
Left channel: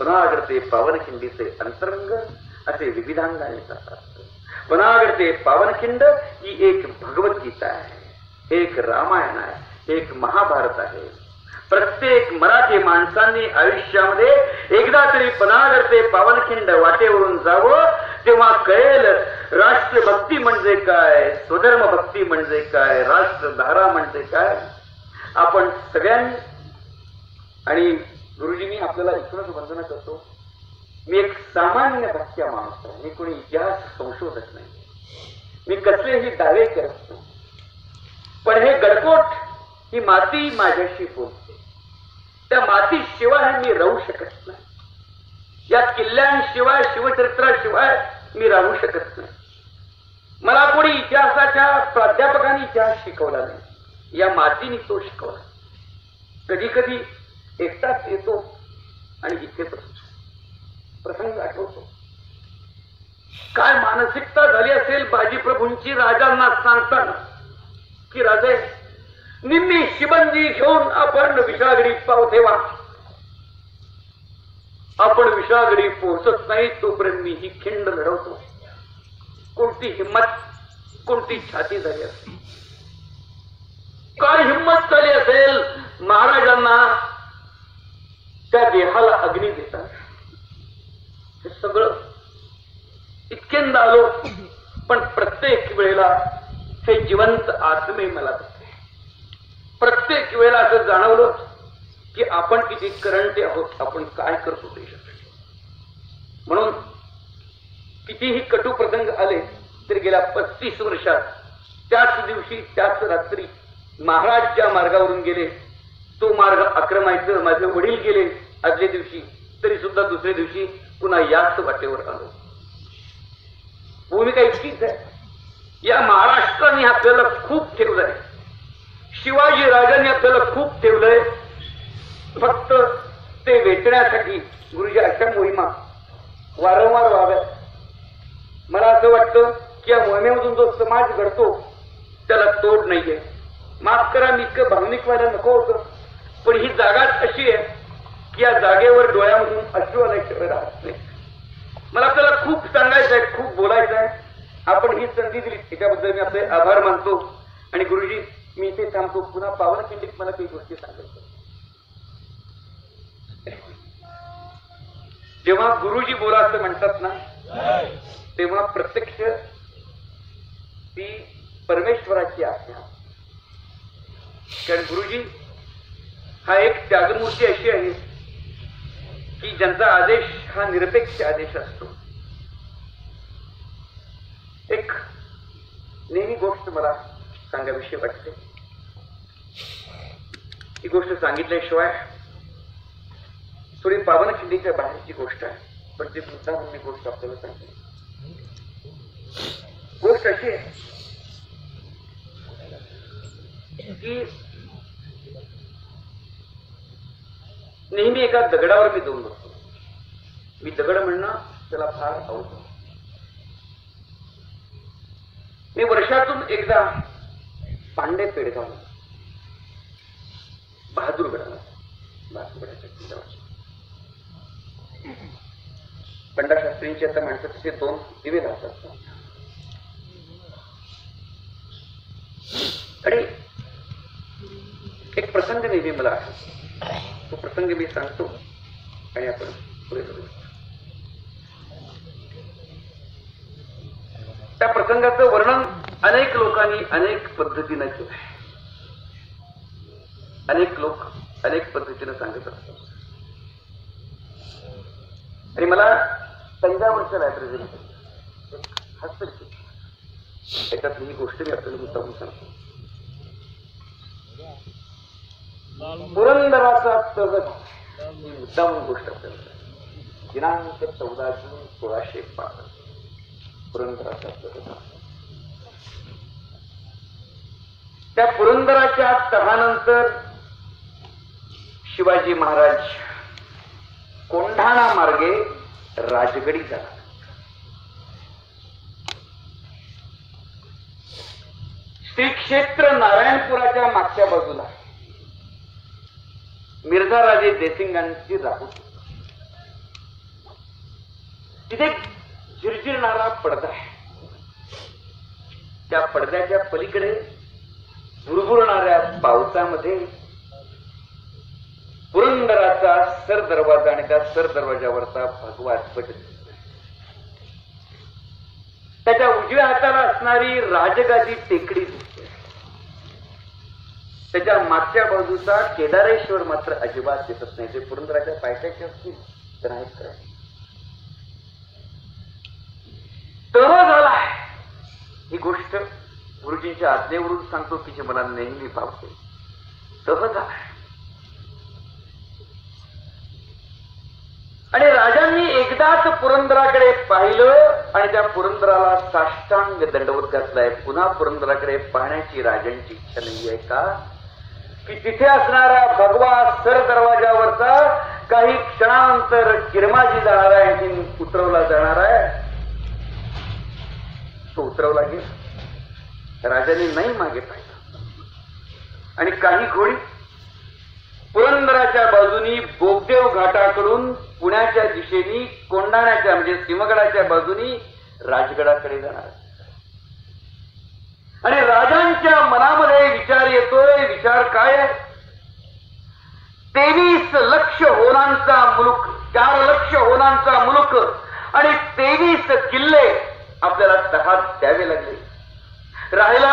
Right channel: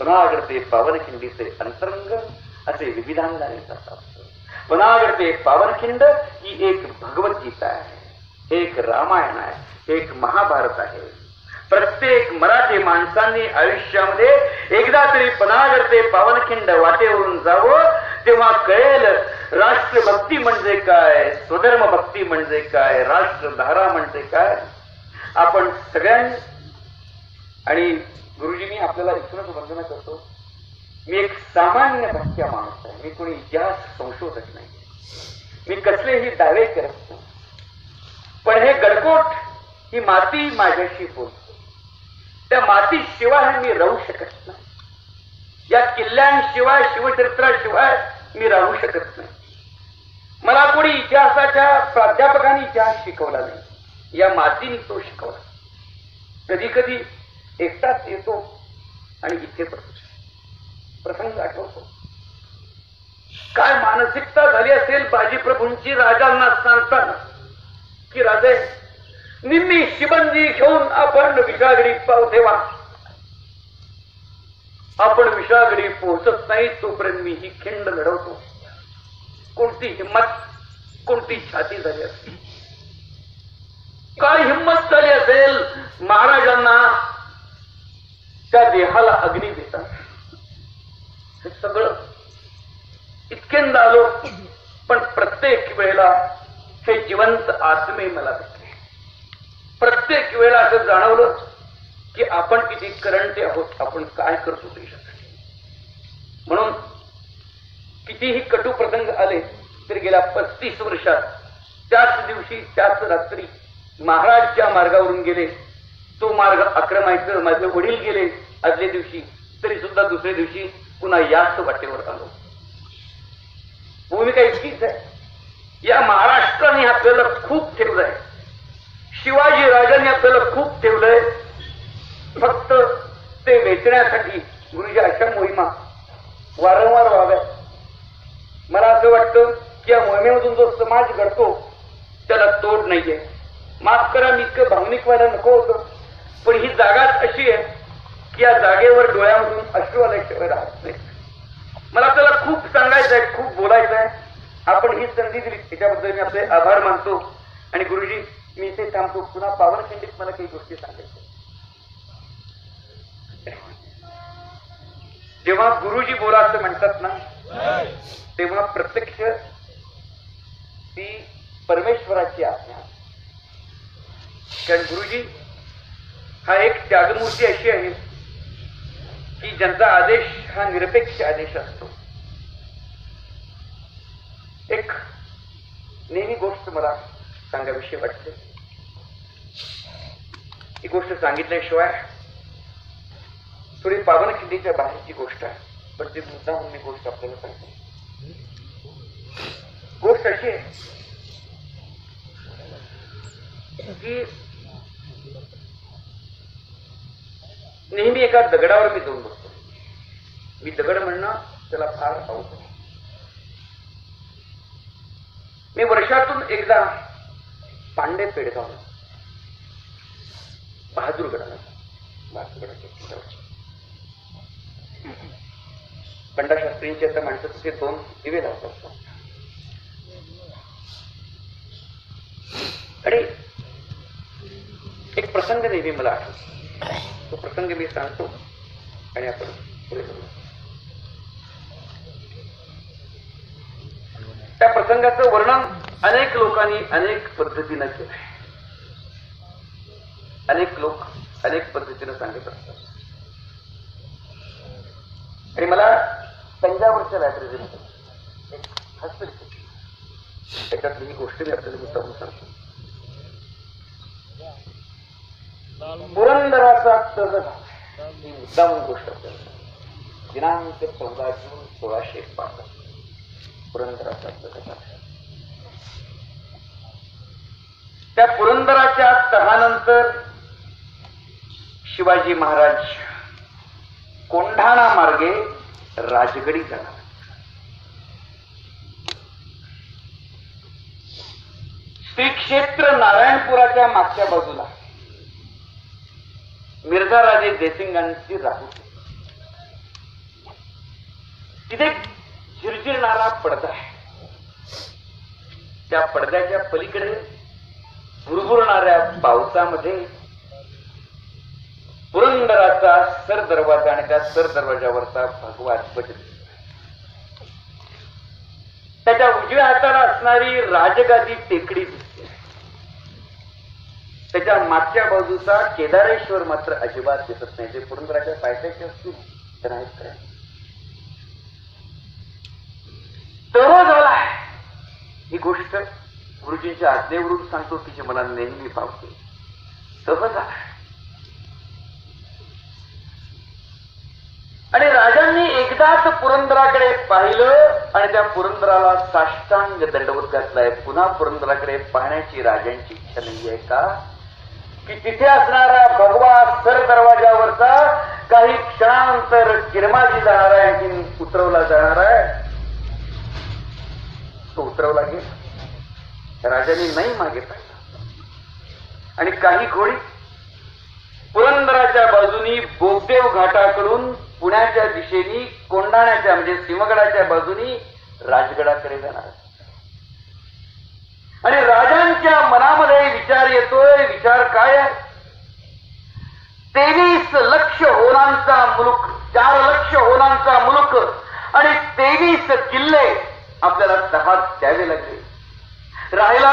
पनागरते पावनखिंडीचे अंतरंग असे विविधांगाने जातात. पनागरते पावनखिंड ही एक भगवद्गीता आहे, एक रामायण आहे, एक महाभारत आहे. प्रत्येक मराठी माणसांनी आयुष्यामध्ये एकदा तरी पनागरते पावनखिंड वाटेवरून जावं. तेव्हा कळेल राष्ट्रभक्ती म्हणजे काय, स्वधर्म भक्ती म्हणजे काय, राष्ट्रधारा म्हणजे काय. आपण सगळ्यांनी, आणि गुरुजी मी आपल्याला इथूनच वंदना करतो, मी एक सामान्य भक्त्या माणूस आहे, मी कोणी इतिहास संशोधक नाही, मी कसलेही दावे करत नाही. पण हे गडकोट, ही माती माझ्याशी बोलते, त्या मातीशिवाय मी राहू शकत नाही, या किल्ल्यांशिवाय शिवचरित्राशिवाय मी राहू शकत नाही. मला कोणी इतिहासाच्या प्राध्यापकांनी इतिहास शिकवला नाही, या मातीने तो शिकवला. कधी कधी एकटाच येतो आणि इथे प्रसंग आठवतो. काय मानसिकता झाली असेल बाजीप्रभूंची राजांना सांगताना की राजे निम्मी शिबंदी घेऊन आपण विषागडी पाव ठेवा. आपण विषागडी पोहोचत नाही तोपर्यंत मी ही खिंड लढवतो. कोणती हिंमत, कोणती छाती झाली असेल, काय हिंमत झाली असेल महाराजांना त्या देहाला अग्नी देतात. हे सगळं इतक्यांदा आलो, पण प्रत्येक वेळेला हे जिवंत आत्मे मला भेटले. प्रत्येक वेळेला असं जाणवलं की आपण किती करंटे आहोत, आपण काय करतो देशासाठी. म्हणून कितीही कटू प्रसंग आले तरी गेल्या 35 वर्षात त्याच दिवशी त्याच रात्री महाराज ज्या मार्गावरून गेले तो मार्ग आक्रमायचं माझे वडील गेले आदल्या दिवशी, तरी सुद्धा दुसऱ्या दिवशी पुन्हा याच वाटेवर आलो. भूमिका इतकीच आहे. या महाराष्ट्राने आपल्याला खूप ठेवलंय, शिवाजी राजांनी आपल्याला खूप ठेवलंय. फक्त ते वेचण्यासाठी गुरुजी अशा मोहिमा वारंवार व्हाव्यात. मला असं वाटतं की या मोहिमेमधून जो समाज घडतो त्याला तोड नाहीये. माफ करा, मी इतकं भावनिक व्हायला नको होतं, पण ही जागाच अशी आहे की या जागेवर डोळ्यामधून अश्रू आल्याशिवाय राहत नाही. मला त्याला खूप सांगायचं आहे, खूप बोलायचं आहे. आपण ही संधी दिली त्याच्याबद्दल मी आपले आभार मानतो. आणि गुरुजी मी इथे थांबतो. पुन्हा पावनखिंडीत मला काही गोष्टी सांगायच्या. जेव्हा गुरुजी बोला असं म्हणतात ना, तेव्हा प्रत्यक्ष ती परमेश्वराची आज्ञा. कारण गुरुजी हा एक त्यागमूर्ती अशी आहे की ज्यांचा आदेश हा निरपेक्ष आदेश असतो. एक नेहमी गोष्ट मला सांगाविषयी वाटते. ही गोष्ट सांगितल्याशिवाय थोडी पावनखिंडीच्या बाहेरची गोष्ट आहे, पण ते मुद्दा म्हणून मी गोष्ट आपल्याला सांगते. गोष्ट अशी आहे की नेहमी एका दगडावर मी जाऊन बसतो. मी दगड म्हणणं त्याला फार आवडतो. मी वर्षातून एकदा पांडे पेडगाव बहादूरगडाच्या किल्ल्यावर पंडाशास्त्रींचे आता माणसाचे 2 दिवे लावतात. आणि एक प्रसंग नेहमी मला आठवतो. तो प्रसंग मी सांगतो आणि आपण पुढे करू. त्या प्रसंगाचं वर्णन अनेक लोकांनी अनेक पद्धतीनं केलं. अनेक लोक अनेक पद्धतीनं सांगत असतात. आणि मला तंजावरच्या लायब्ररीमध्ये त्याच्यातली ही गोष्ट मी आपल्याला मुद्दाम सांगतो. पुरंदराचा तगड ही मुद्दाम गोष्ट आपल्याला दिनांक 14 जून 1605 पुरंदराचा तगड. त्या पुरंदराच्या तहानंतर शिवाजी महाराज कोंढाणा मार्गे राजगडी झाला. श्री क्षेत्र नारायणपुराच्या मागच्या बाजूला मिर्झा राजे जयसिंगांची राहत. तिथे झिरझिरणारा पडदा आहे. त्या पडद्याच्या पलीकडे भुरभुरणाऱ्या पावसामध्ये पुरंदराचा सर दरवाजा आणि त्या सर दरवाजावरचा भगवा ध्वज. त्याच्या उजव्या हाताला असणारी राजगादी टेकडी दिसते. त्याच्या मागच्या बाजूचा केदारेश्वर मात्र अजिबात दिसत नाही. ते पुरंदराच्या पायथ्याचे असतील तर नाहीत काय. तह झालाय. ही गोष्ट गुरुजींच्या आज्ञेवरून सांगतो की जी मला नेहमी भावते. तह झालाय. आणि राजांनी एकदाच पुरंदराकडे पाहिलं आणि त्या पुरंदराला साष्टांग दंडवत घातलाय. पुन्हा पुरंदराकडे पाहण्याची राजांची इच्छा नाहीये का की तिथे असणारा भगवा सर दरवाजावरचा काही क्षणानंतर किरमाजी जाणार आहे, आणखी उतरवला जाणार आहे. तो उतरवला गेला. राजाने नाही मागे पाहिलं आणि काही घोडी पुरंदराच्या बाजूनी बोगदेव घाटाकडून पुण्याच्या दिशेने कोंढाण्याच्या म्हणजे सिंहगडाच्या बाजूनी राजगडाकडे जाणार. आणि राजांच्या मनामध्ये विचार येतोय. विचार काय? 23 लक्ष होनांचा मुलूक, 4 लक्ष होनांचा मुलूक आणि 23 किल्ले आपल्याला तहात द्यावे लागले. राहिला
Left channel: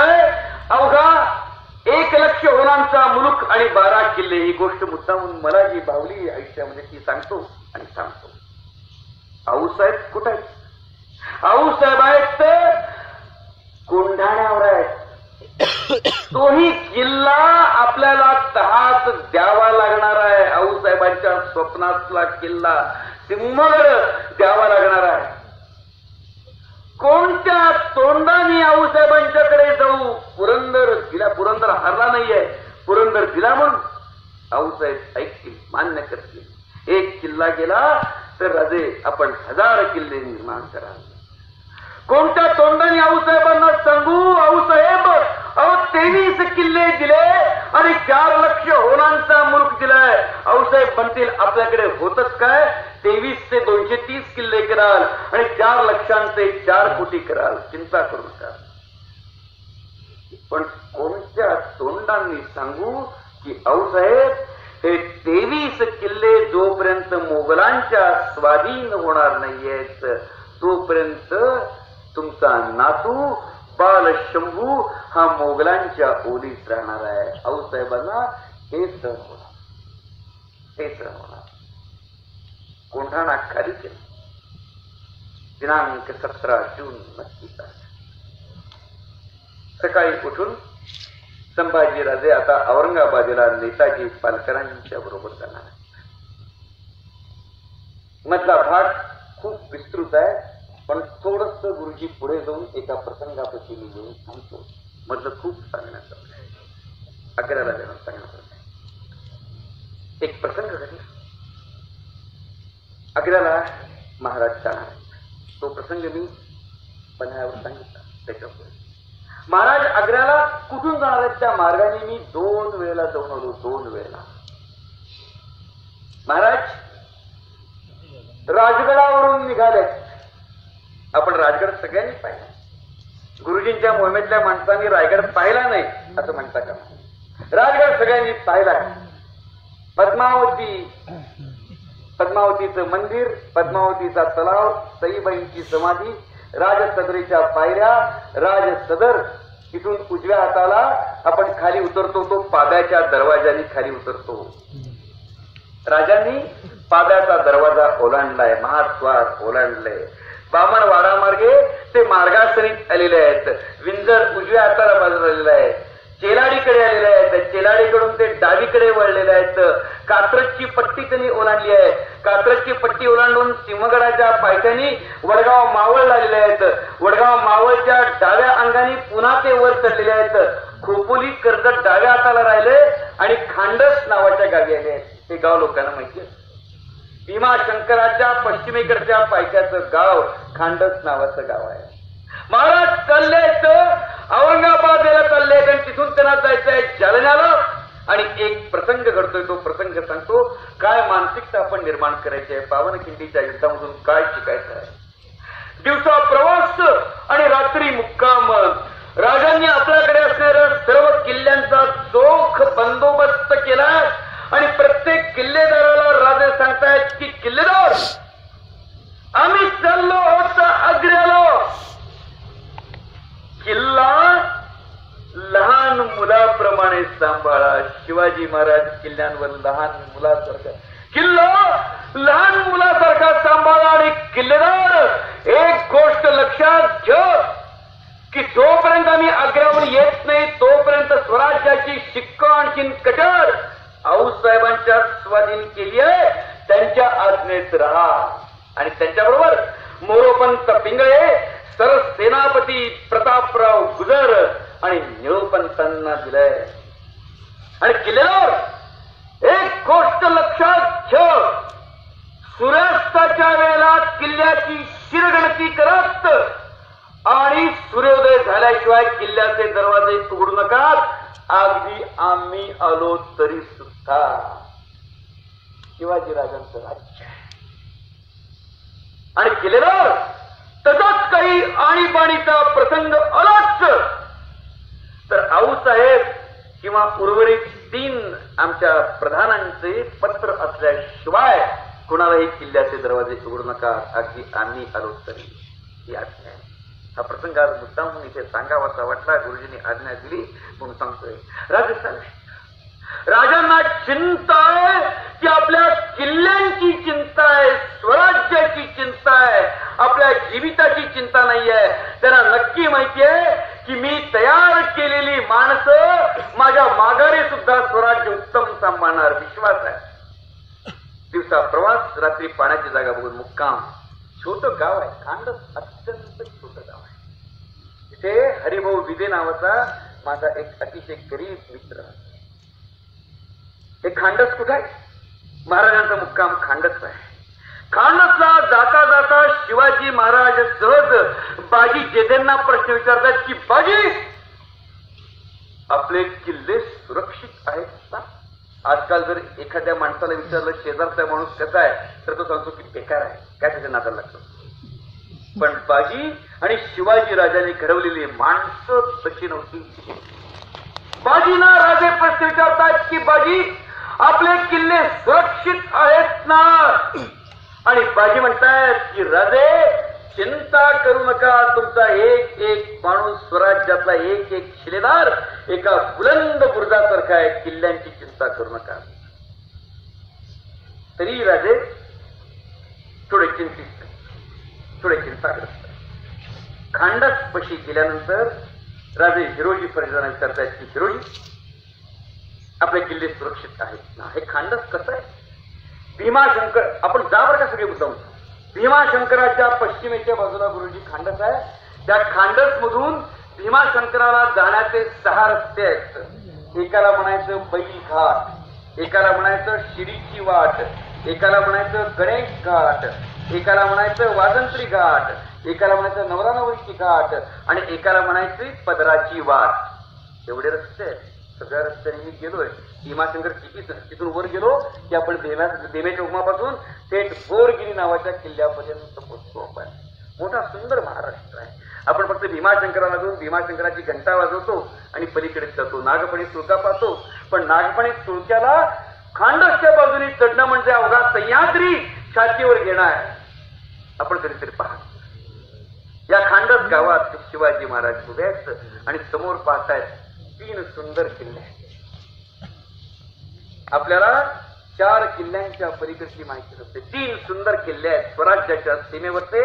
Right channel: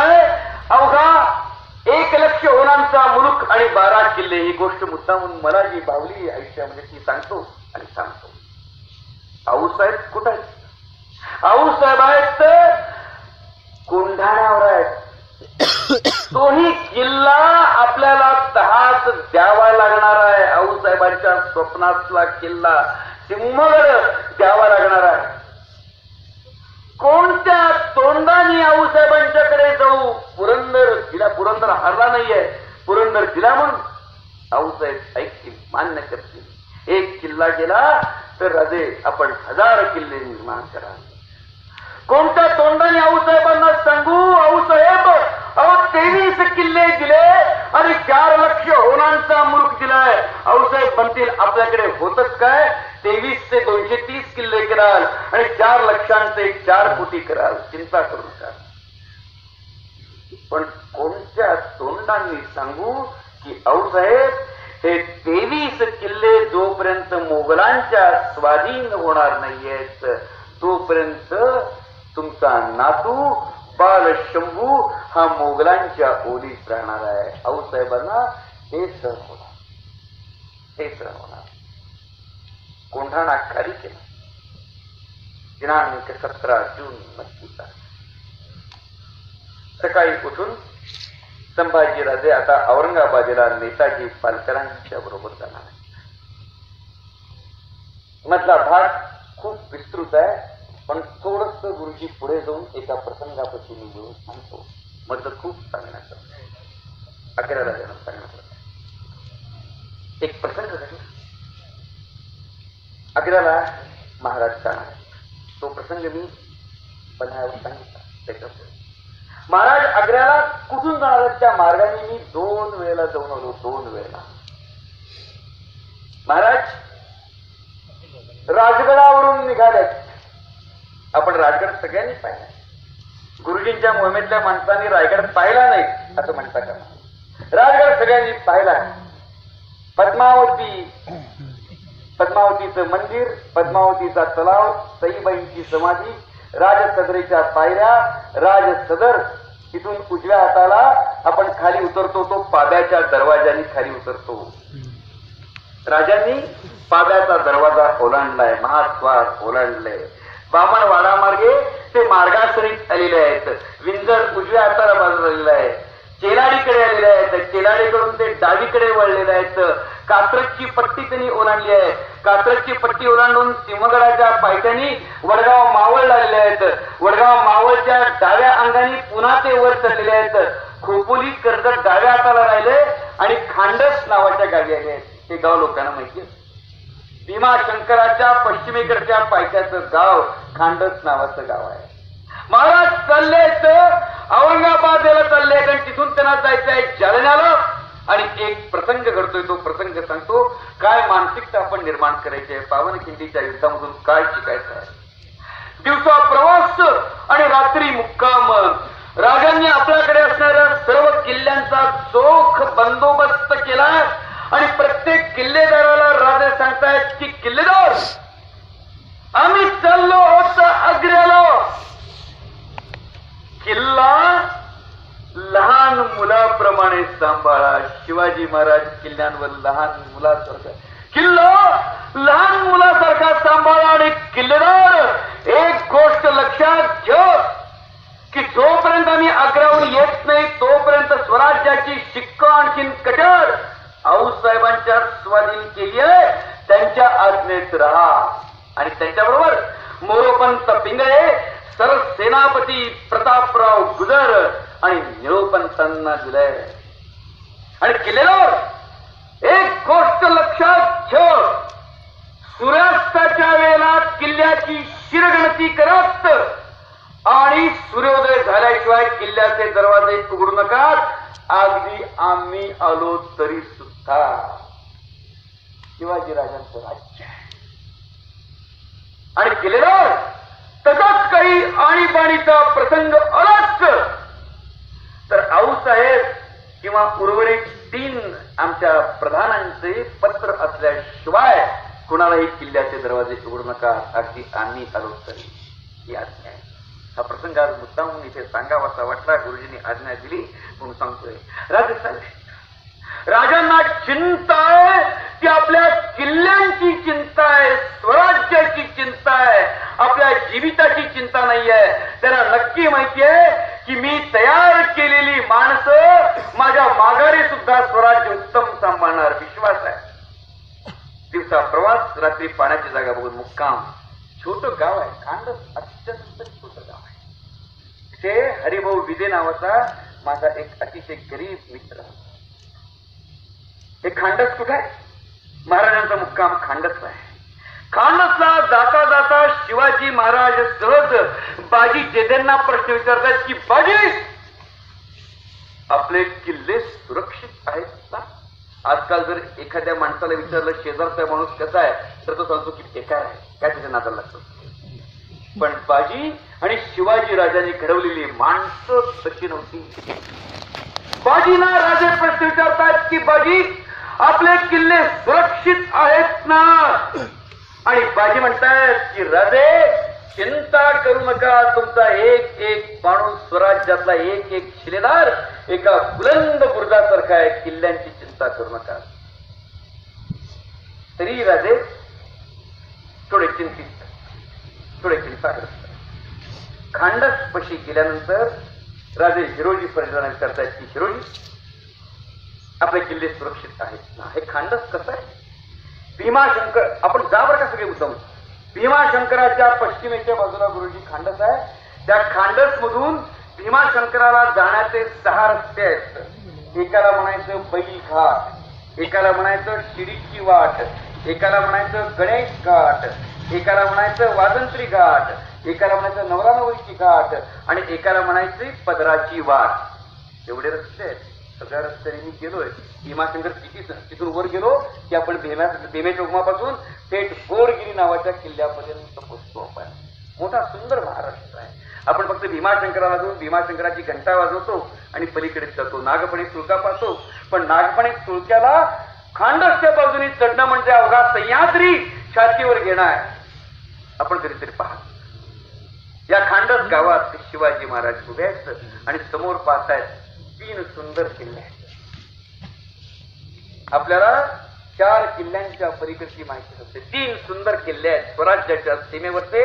अवघा 1 लक्ष होनांचा मुलूक आणि 12 किल्ले. ही गोष्ट मुद्दामून मला जी बावली आयुष्यामध्ये ती सांगतो आणि सांगतो. आऊसाहेब कुठे आहेत? आऊसाहेब आहेत कोंढाण्यावर आहेत. तोही किल्ला आपल्याला तहात द्यावा लागणार आहे. आऊसाहेबांच्या स्वप्नातला किल्ला सिंहगड द्यावा लागणार आहे. कोणत्या तोंडाने आऊसाहेबांच्याकडे जाऊ? पुरंदर जिल्हा, पुरंदर हरला नाहीये, पुरंदर जिल्हा म्हणून आऊसाहेब ऐकतील, मान्य करतील. 1 किल्ला गेला तर राजे आपण 1000 किल्ले निर्माण करा. कोणत्या तोंडाने आऊसाहेबांना सांगू? आऊसाहेब 23 किल्ले दिले आणि 4 लक्ष होनांचा मुलूक दिलाय. आऊसाहेब म्हणतील आपल्याकडे होतच काय? 23 ते 230 किल्ले कराल आणि 4 लक्षांचे 4 कोटी कराल. चिंता करू नका. पण कोणत्या तोंडांनी सांगू की आऊसाहेब हे 23 किल्ले जोपर्यंत मोगलांच्या स्वाधीन होणार नाहीयेत तोपर्यंत तुमचा नातू बाल शंभू हा मोगलांच्या ओलीत राहणार आहे. आऊसाहेबांना हे सहन होणार, हे सहन होणार. कोंढाणा खाली केला. दिनांक 17 जून 19 सकाळी उठून संभाजीराजे आता औरंगाबादेला नेताजी पालकरांच्या बरोबर जाणार आहे. मधला भाग खूप विस्तृत आहे, पण थोडस गुरुजी पुढे जाऊन एका प्रसंगापासून मी घेऊन सांगतो. मधलं खूप सांगण्याचं आहे. 11 राजांना सांगण्याचं एक प्रसंग घडला. 11ला महाराज जाणार. तो प्रसंग मी पन्हाळ्यावर सांगितला. त्याच्यावर महाराज 11ला कुठून जाणार आहेत त्या मार्गाने मी 2 वेळेला जाऊन आलो. 2 वेळेला महाराज राजगडावरून निघाले. आपण राजगड सगळ्यांनी पाहिला. गुरुजींच्या मोहिमेतल्या माणसांनी रायगड पाहिला नाही असं म्हणता का? राजगड सगळ्यांनी पाहिला. पद्मावतीचं मंदिर, पद्मावतीचा तलाव, सईबाईंची समाधी, राजसदरीच्या पायऱ्या, राजसदर. तिथून उजव्या हाताला आपण खाली उतरतो तो पाब्याच्या दरवाजाने खाली उतरतो. राजांनी पाब्याचा दरवाजा ओलांडलाय, महाद्वार ओलांडलंय. बामणवाडा मार्गे ते मार्गासरीत आलेले आहेत. विंजर उजव्या हाताला बाजूला आलेला आहे. चेलाडीकडे आलेले आहेत. चेलाडीकडून ते डावीकडे वळलेले आहेत. कात्रजची पट्टी त्यांनी ओलांडली आहे. कात्रजची पट्टी ओलांडून सिंहगडाच्या पायथ्यानी वडगाव मावळ लागलेले आहेत. वडगाव मावळच्या डाव्या अंगाने पुन्हा ते वर चढलेले आहेत. खोपोली कर्जत डाव्या हाताला राहिले आणि खांडस नावाच्या गावी आले आहेत. हे गाव लोकांना माहिती आहे. भीमाशंकराच्या पश्चिमेकडच्या पायथ्याचं गाव खांडस नावाचं गाव आहे. महाराज चाललेत औरंगाबादेला चालले आणि तिथून त्यांना जायचं आहे जालन्याला. आणि एक प्रसंग घडतोय. तो प्रसंग सांगतो काय मानसिकता आपण निर्माण करायची आहे. पावनखिंडीच्या युद्धामधून काय शिकायचं आहे. दिवसा प्रवास आणि रात्री मुक्काम. राजांनी आपल्याकडे असणाऱ्या सर्व किल्ल्यांचा चोख बंदोबस्त केलाय आणि प्रत्येक किल्लेदाराला राजे सांगतायत की किल्लेदार आम्ही चाललो होतो आग्र्याला. प्रेमाने सांभाळा. शिवाजी महाराज किल्ल्यांवर लहान मुलासारखा किल्ला लहान मुलासारखा सांभाळा. आणि किल्लेदार एक गोष्ट लक्षात ठेव की जोपर्यंत आम्ही आग्र्याहून येत नाही तोपर्यंत स्वराज्याची शिक्का आणखीन कठोर आऊसाहेबांच्या स्वाधीन केली आहे. त्यांच्या आज्ञेत राहा. आणि त्यांच्याबरोबर मोरोपंत पिंगळे, सरसेनापती प्रतापराव गुजर आणि निळोपंतांना दिलंय. आणि किल्लेदार एक गोष्ट लक्षात ठेव, सूर्यास्ताच्या वेळेला किल्ल्याची शिरगणती करत आणि सूर्योदय झाल्याशिवाय किल्ल्याचे दरवाजे उघडू नका. अगदी आम्ही आलो तरी सुद्धा. शिवाजीराजांचं राज्य आणि किल्लेदार तसाच काही आणीबाणीचा प्रसंग आलाच तर आऊसाहेब किंवा उर्वरित 3 आमच्या प्रधानांचे पत्र असल्याशिवाय कुणालाही किल्ल्याचे दरवाजे उघडू नका. अगदी आम्ही आलो तरी. ही आज्ञा आहे. हा प्रसंग आज मुद्दाम इथे सांगावासा वाटला. गुरुजींनी आज्ञा दिली म्हणून सांगतोय. राजांना चिंता आहे की आपल्या किल्ल्यांची चिंता आहे, स्वराज्याची चिंता आहे, आपल्या जीविताची चिंता नाहीये. त्यांना नक्की माहिती आहे की मी तयार केलेली माणसं माझ्या माघारी सुद्धा स्वराज्य उत्तम सांभाळणार विश्वास आहे. दिवसा प्रवास, रात्री पाण्याची जागा बघून मुक्काम. छोटं गाव आहे, खांडस अत्यंत छोटं गाव आहे. तिथे हरिभाऊ विदे नावाचा माझा एक अतिशय गरीब मित्र. हे खांडस कुठे आहे? महाराजांचा मुक्काम खांडस आहे. खांडसला जाता जाता शिवाजी महाराज सहज बाजी जेजेंना प्रश्न विचारतात की बाजी आपले किल्ले सुरक्षित आहेत ना? आजकाल जर एखाद्या माणसाला विचारलं शेजारचा माणूस कसा आहे तर तो सांगतो की बेकार आहे, काय त्याच्या नादाला लागतो. पण बाजी आणि शिवाजी राजांनी घडवलेली माणसं तशी नव्हती. बाजीना राजे प्रश्न विचारतात की बाजी आपले किल्ले सुरक्षित आहेत ना? आणि बाजी म्हणतायत की राजे चिंता करू नका, तुमचा एक एक माणूस स्वराज्यातला एक एक शिलेदार एका बुलंद बुरुजासारखा आहे, किल्ल्यांची चिंता करू नका. तरी राजे थोडे चिंताग्रस्त. खांडस पशी गेल्यानंतर राजे हिरोजी परिजनांना विचारतायत की हिरोजी आपले किल्ले सुरक्षित आहेत ना? हे खांडस कसं आहे? भीमाशंकर आपण जावर का सगळे मुद्दाम. भीमाशंकराच्या पश्चिमेच्या बाजूला गुरुजी खांडस आहे. त्या खांडस मधून भीमाशंकराला जाण्याचे 6 रस्ते आहेत. एकाला म्हणायचं बैल घाट, एकाला म्हणायचं शिडीची वाट, एकाला म्हणायचं गणेश घाट, एकाला म्हणायचं वाजंत्री घाट, एकाला म्हणायचं नवरा नवरीची घाट आणि एकाला म्हणायची पदराची वाट. एवढे रस्ते आहेत. सगळ्या रस्त्याने मी गेलोय. भीमाशंकर तिथून वर गेलो की आपण भीमे चौकमापासून थेट बोरगिरी नावाच्या किल्ल्यापर्यंत पोहोचतो. आपण मोठा सुंदर महाराष्ट्र आहे. आपण फक्त भीमाशंकराला जाऊन भीमाशंकराची घंटा वाजवतो आणि पलीकडे जातो, नागपणे सुळका पाहतो. पण नागपणे सुळक्याला खांडसच्या बाजूने चढणं म्हणजे अवघा सह्याद्री छातीवर घेणं आहे. आपण कधीतरी पहा. या खांडस गावात शिवाजी महाराज उभे आहेत आणि समोर पाहतायत 3 सुंदर किल्ले आहेत. आपल्याला 4 किल्ल्यांच्या पलीकडची माहिती असते. 3 सुंदर किल्ले आहेत स्वराज्याच्या सीमेवरचे.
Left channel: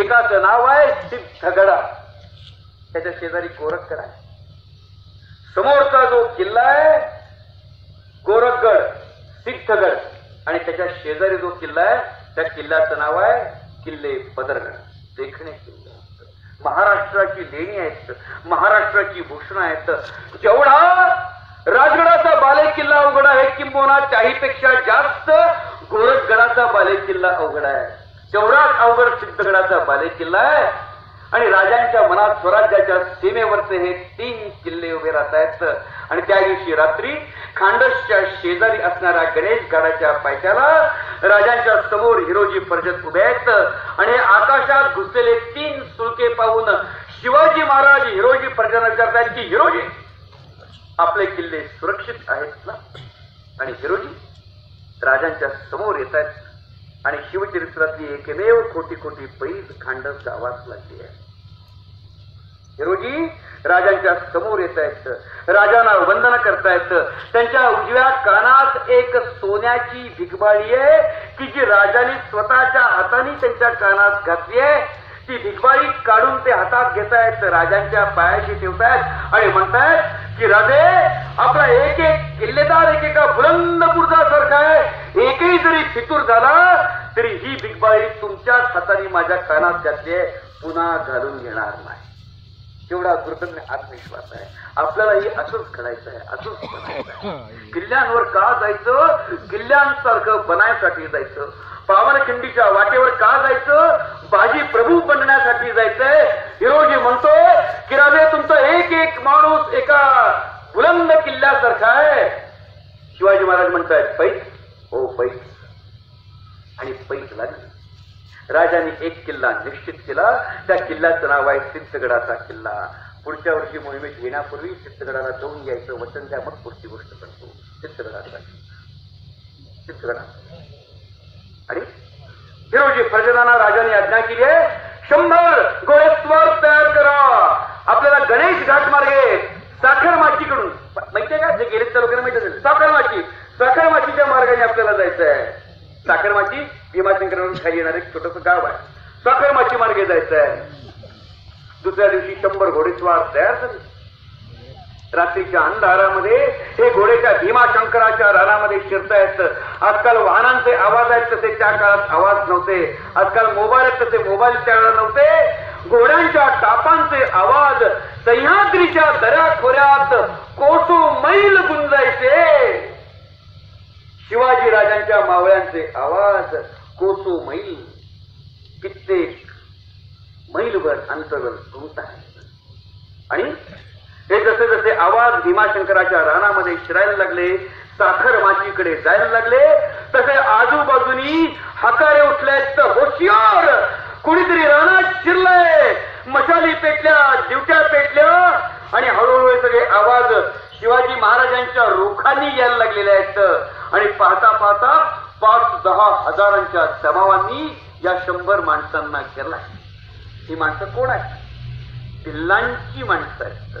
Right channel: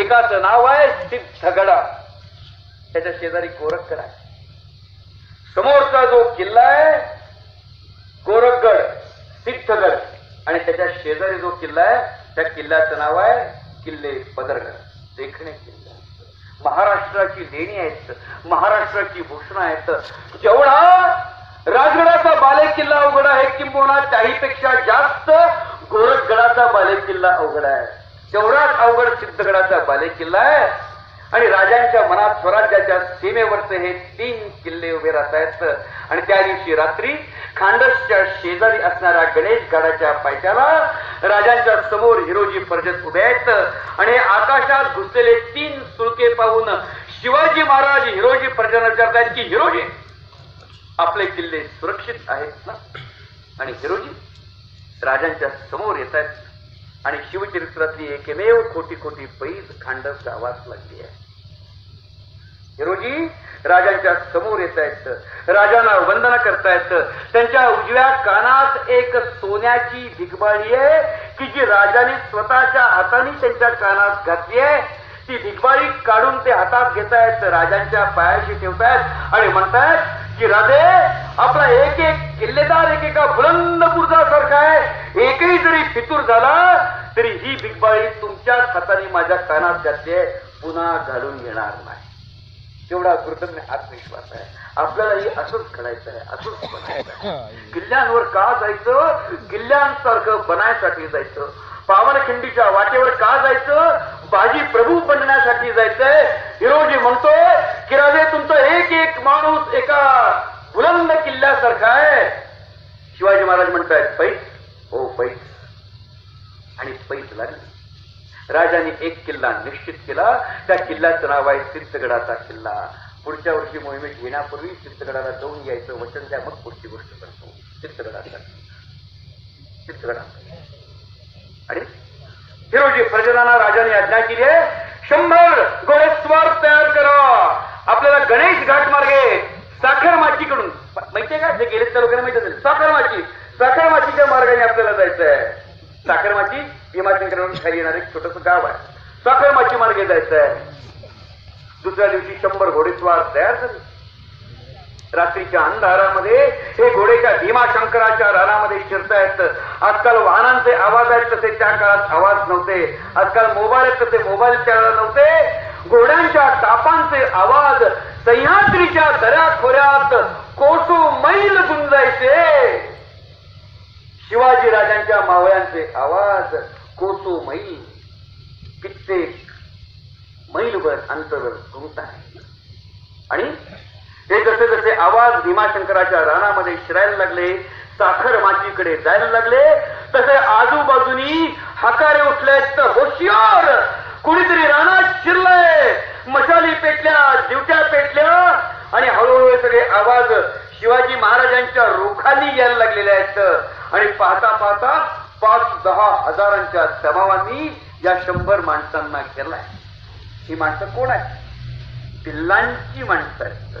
एकाचं नाव आहे सिद्धगडा, त्याच्या शेजारी गोरखगड आहे. समोरचा जो किल्ला आहे गोरखगड, सिद्धगड आणि त्याच्या शेजारी जो किल्ला आहे त्या किल्ल्याचं नाव आहे किल्ले पदरगड. देखणे किल्ले महाराष्ट्राची देणी आहेत, महाराष्ट्राची भूषण आहेत. जेवढा राजगडाचा बालेकिल्ला अवघड आहे किंबहुना त्याहीपेक्षा जास्त गोरखगडाचा बालेकिल्ला अवघड आहे. तेवढाच अवघड सिद्धगडाचा बालेकिल्ला आहे. आणि राजांच्या मनात स्वराज्याच्या सीमेवरचे हे 3 किल्ले उभे राहत आहेत. आणि त्या दिवशी रात्री खांडसच्या शेजारी असणाऱ्या गणेश गडाच्या पायथ्याला राजांच्या समोर हिरोजी परिजन उभे आहेत. आणि आकाशात घुसलेले 3 सुळके पाहून शिवाजी महाराज हिरोजी परिजन विचारतायत की हिरोजी आपले किल्ले सुरक्षित आहेत ना? आणि हिरोजी राजांच्या समोर येत आहेत आणि शिवचरित्रातली एकमेव खोटी खोटी पैज खांडस गावात लागली आहे. हिरोजी राजांच्या समोर येता येतं, राजांना वंदना करता येतं. त्यांच्या उजव्या कानात एक सोन्याची भिगबाळी आहे की जी राजाने स्वतःच्या हाताने त्यांच्या कानात घातली आहे. ती भिगबाळी काढून ते हातात घेतायत, राजांच्या पायाशी ठेवतायत आणि म्हणतायत की राजे आपला एक एक किल्लेदार एकेका बुलंद बुरुजासारखा आहे. एकही जरी फितूर झाला तरी ही भिगबाळी तुमच्याच हाताने माझ्या कानात घातली आहे, पुन्हा घालून घेणार नाही. तेवढा दुर्दम्य आत्मविश्वास आहे. आपल्यालाही असंच करायचं आहे, असंच करायचं आहे. किल्ल्यांवर का जायचं? किल्ल्यांसारखं बनायसाठी जायचं. पावनखिंडीच्या वाटेवर का जायचं? बाजी प्रभू बनण्यासाठी जायचंय. हिरोजी म्हणतोय की राजे तुमचा एक एक माणूस एका बुलंद किल्ल्यासारखा आहे. शिवाजी महाराज म्हणतायत पैस, हो पैस. आणि पैस लागली. राजाने एक किल्ला निश्चित केला. त्या किल्ल्याचं नाव आहे सिद्धगडाचा किल्ला. पुढच्या वर्षी मोहिमेत येण्यापूर्वी सिद्धगडाला जाऊन यायचं वचन द्या, मग पुढची गोष्ट करतो. सिद्धगडाचा आणि हिरोजी प्रजेलांना राजाने आज्ञा केली आहे 100 घोडेस्वार तयार करा. आपल्याला गणेश घाट मार्गे साखरमाचीकडून माहितीये का, जे गेले तर वगैरे माहिती असेल, साखरमाचीच्या मार्गाने आपल्याला जायचं आहे. साखरमाची भीमाशंकरावरून खाली येणार एक छोटस गाव आहे. साखरमाची मार्गे जायचं आहे. दुसऱ्या दिवशी 100 घोडेस्वार तयार झाले. रात्रीच्या अंधारामध्ये हे घोडे त्या भीमाशंकराच्या रानामध्ये शिरतायत. आजकाल वाहनांचे आवाज आहेत तसे त्या काळात आवाज नव्हते. आजकाल मोबाईल तसे मोबाईल त्यावेळेला नव्हते. घोड्यांच्या टापांचे आवाज सह्याद्रीच्या दऱ्याखोऱ्यात कोसो मैल गुंजायचे. शिवाजी राजांच्या मावळ्यांचे आवाज कोसो मैल, कित्येक मैलभर अंतरवर घुमत आहे. आणि हे जसे जसे आवाज भीमाशंकराच्या रानामध्ये शिरायला लागले, साखरमाचीकडे जायला लागले, तसे आजूबाजूनी हाकारे उठलेत, होशियार कुणीतरी रानात शिरलंय. मशाली पेटल्या, दिवट्या पेटल्या आणि हळूहळू सगळे आवाज शिवाजी महाराजांच्या रोखांनी यायला लागलेले आहेत. आणि पाहता पाहता 5-10 हजारांच्या जमावांनी या 100 माणसांना केलाय. ही माणसं कोण आहेत? भिल्लांची माणसं आहेत,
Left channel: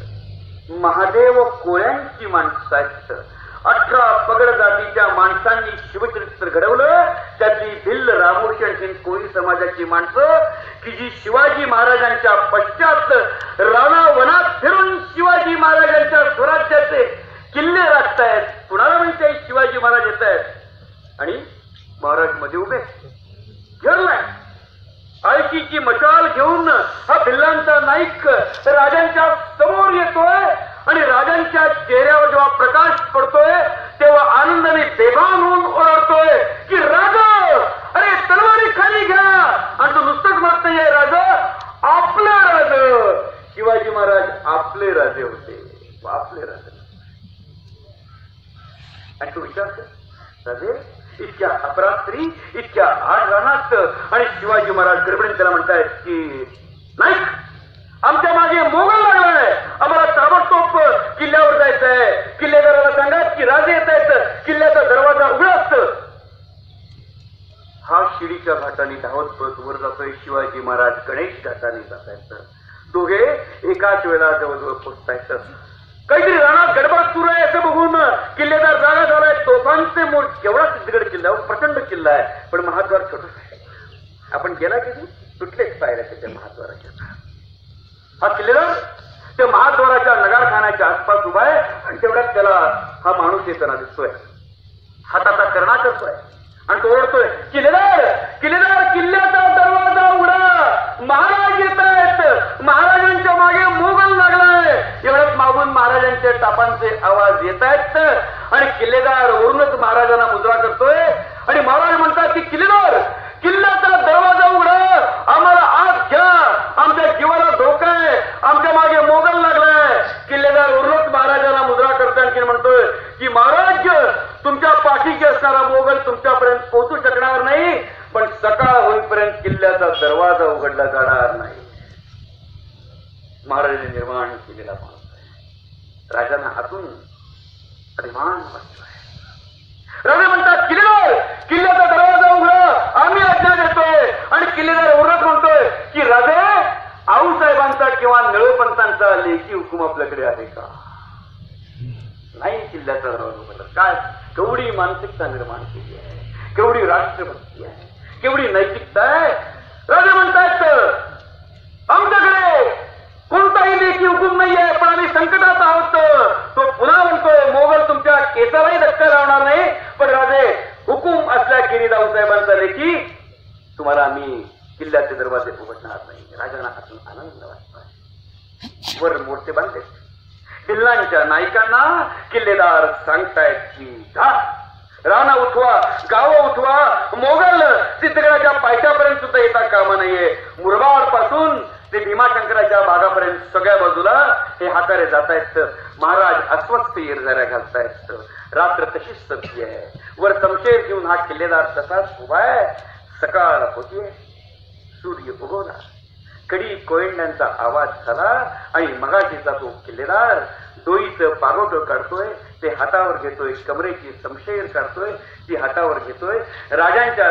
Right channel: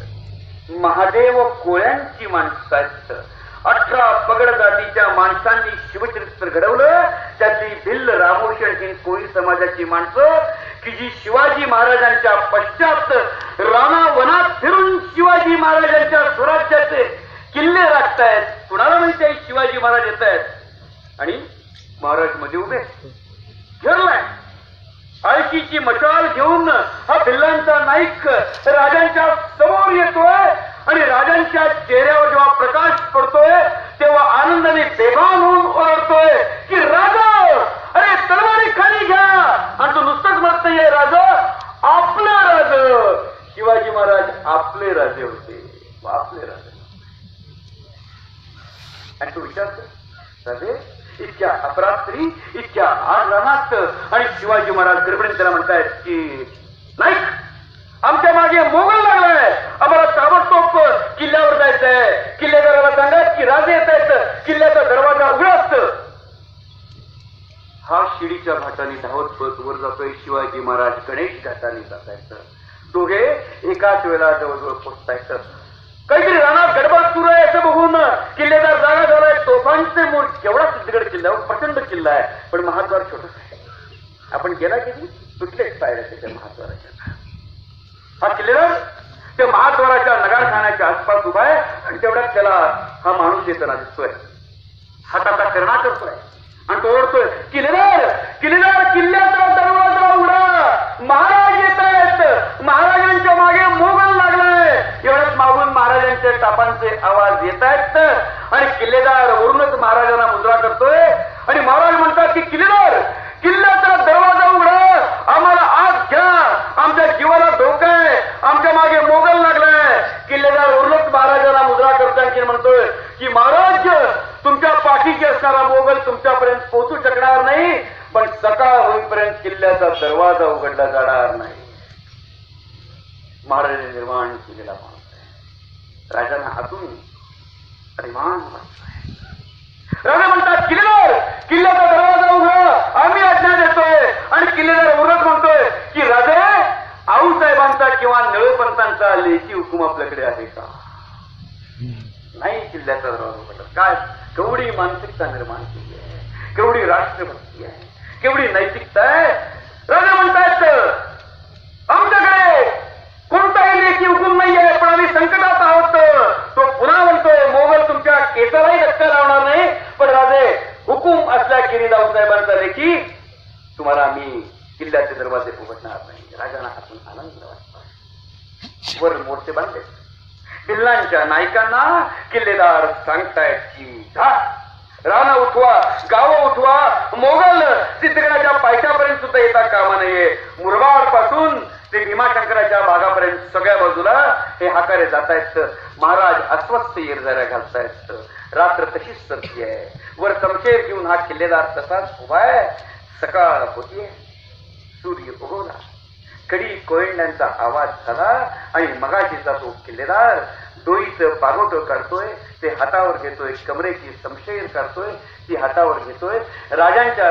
महादेव कोळ्यांची माणसं आहेत. 18 पगड जातीच्या माणसांनी शिवचरित्र घडवलं. त्यातली भिल्ल, रामोशण ही कोळी समाजाची माणसं की जी शिवाजी महाराजांच्या पश्चात राणा वनात फिरून शिवाजी महाराजांच्या स्वराज्याचे किल्ले राखतायत. कुणाला माहिती शिवाजी महाराज येत आहेत आणि महाराज मध्ये उभे घेरलाय. आळशीची मशाल घेऊन हा भिल्लांचा नाईक राजांच्या समोर येतोय आणि राजांच्या चेहऱ्यावर जेव्हा प्रकाश पडतोय तेव्हा आनंदाने बेभान होऊन ओरडतोय की राजा, अरे तलवारी खाली घ्या. आणि तो नुसतंच म्हणत नाहीये राजा, आपले राजे. शिवाजी महाराज आपले राजे होते, आपले राजे. आणि तो विचार राजे इतक्या अपरात्री, इतक्या हाड रानात आणि शिवाजी महाराज गडबडीत त्याला म्हणतायत की नाही, आमच्या मागे मोगल लागलाय, आम्हाला ताबडतोब किल्ल्यावर जायचंय. किल्लेदाराला सांगत की राजे येत आहेत, किल्ल्याचा दरवाजा उघडा असतो. हा शिडीच्या घाटाने धावत पळत वर जातोय. शिवाजी महाराज गणेश घाटाने जातायत. दोघे एकाच वेळा जवळजवळ पोचतायत. काहीतरी रानात गडबड सुरू आहे असं बघून किल्लेदार जागा झालाय. तोफांचे मोड केवढा सिद्धगड किल्ला, प्रचंड किल्ला आहे, पण महाद्वार छोटस आहे. आपण गेला कधी तुटलेच पायऱ्या त्याच्या महाद्वाराच्या. हा किल्लेदार त्या महाद्वाराच्या नगारखान्याच्या आसपास उभा आहे आणि तेवढ्यात त्याला हा माणूस येताना दिसतोय. हाताचा करणा करतोय आणि तो ओळखतोय किल्लेदार, किल्लेदार किल्ल्याचा दरवाजा उघडा, महाराज येत आहेत, महाराजांच्या मागे मोगल लागलाय. एवढ्याच मागून महाराजांच्या टापांचे आवाज येत आहेत आणि किल्लेदार वरूनच महाराजांना मुद्रा करतोय. आणि महाराज म्हणतात की किल्लेदार, किल्ल्याचा दरवाजा उघडा, आम्हाला आत घ्या, आमच्या जीवाला धोका आहे, आमच्या मागे मोगल लागलाय. किल्लेदार वरूनच महाराजांना मुद्रा करताना म्हणतोय की महाराज, तुमच्या पाठीशी असणारा मोगल तुमच्यापर्यंत पोहोचू शकणार नाही, पण सकाळ होईपर्यंत किल्ल्याचा दरवाजा उघडला जाणार नाही. महाराजांनी निर्माण केलेला राजांना हातून अभिमान वाटतोय. राजा म्हणतात किल्लेदार, किल्ल्याचा दरवाजा उघडा, आम्ही आज्ञा देतोय. आणि किल्लेदार उरत म्हणतोय की राजे, आऊसाहेबांचा किंवा निळोपंतांचा लेखी हुकूम आपल्याकडे आहे का? नाही. किल्ल्याचा काय केवढी मानसिकता निर्माण केली आहे, केवढी राष्ट्रभक्ती आहे, केवढी नैतिकता आहे. राजे म्हणतायत आमच्याकडे कोणताही लेखी हुकूम नाहीये, पण आम्ही संकटात आहोत. तो पुन्हा म्हणतोय मोगल तुमच्या केसालाही धक्का लावणार नाही, पण राजे हुकूम असल्या गिरीराव साहेबांचा लेखी तुम्हाला आम्ही किल्ल्याचे दरवाजे उघडणार नाही. राजांना हातून आनंद वाटतो. वर मोर्चे बांधले, किल्ल्यांच्या नायकांना किल्लेदार सांगतायत की राणा उठवा, गावं उठवा, मोगल सिद्धगडाच्या पायथ्यापर्यंत सुद्धा येता कामा नाहीये. मुरबाड पासून ते भीमाशंकराच्या भागापर्यंत सगळ्या बाजूला हे हातारे जात आहेत. महाराज अस्वस्थ येरझाऱ्या घालतायत. रात्र तशीच सरती आहे. वर शमशेर घेऊन हा किल्लेदार तसाच उभा आहे. सकाळ होतीये, सूर्य उगवला, कडी कोयंड्यांचा आवाज झाला आणि मगाशीचा तो किल्लेदार डोईचं पारोट काढतोय, ते हातावर घेतोय, कमरेची शमशेर काढतोय, ती हातावर घेतोय. राजांच्या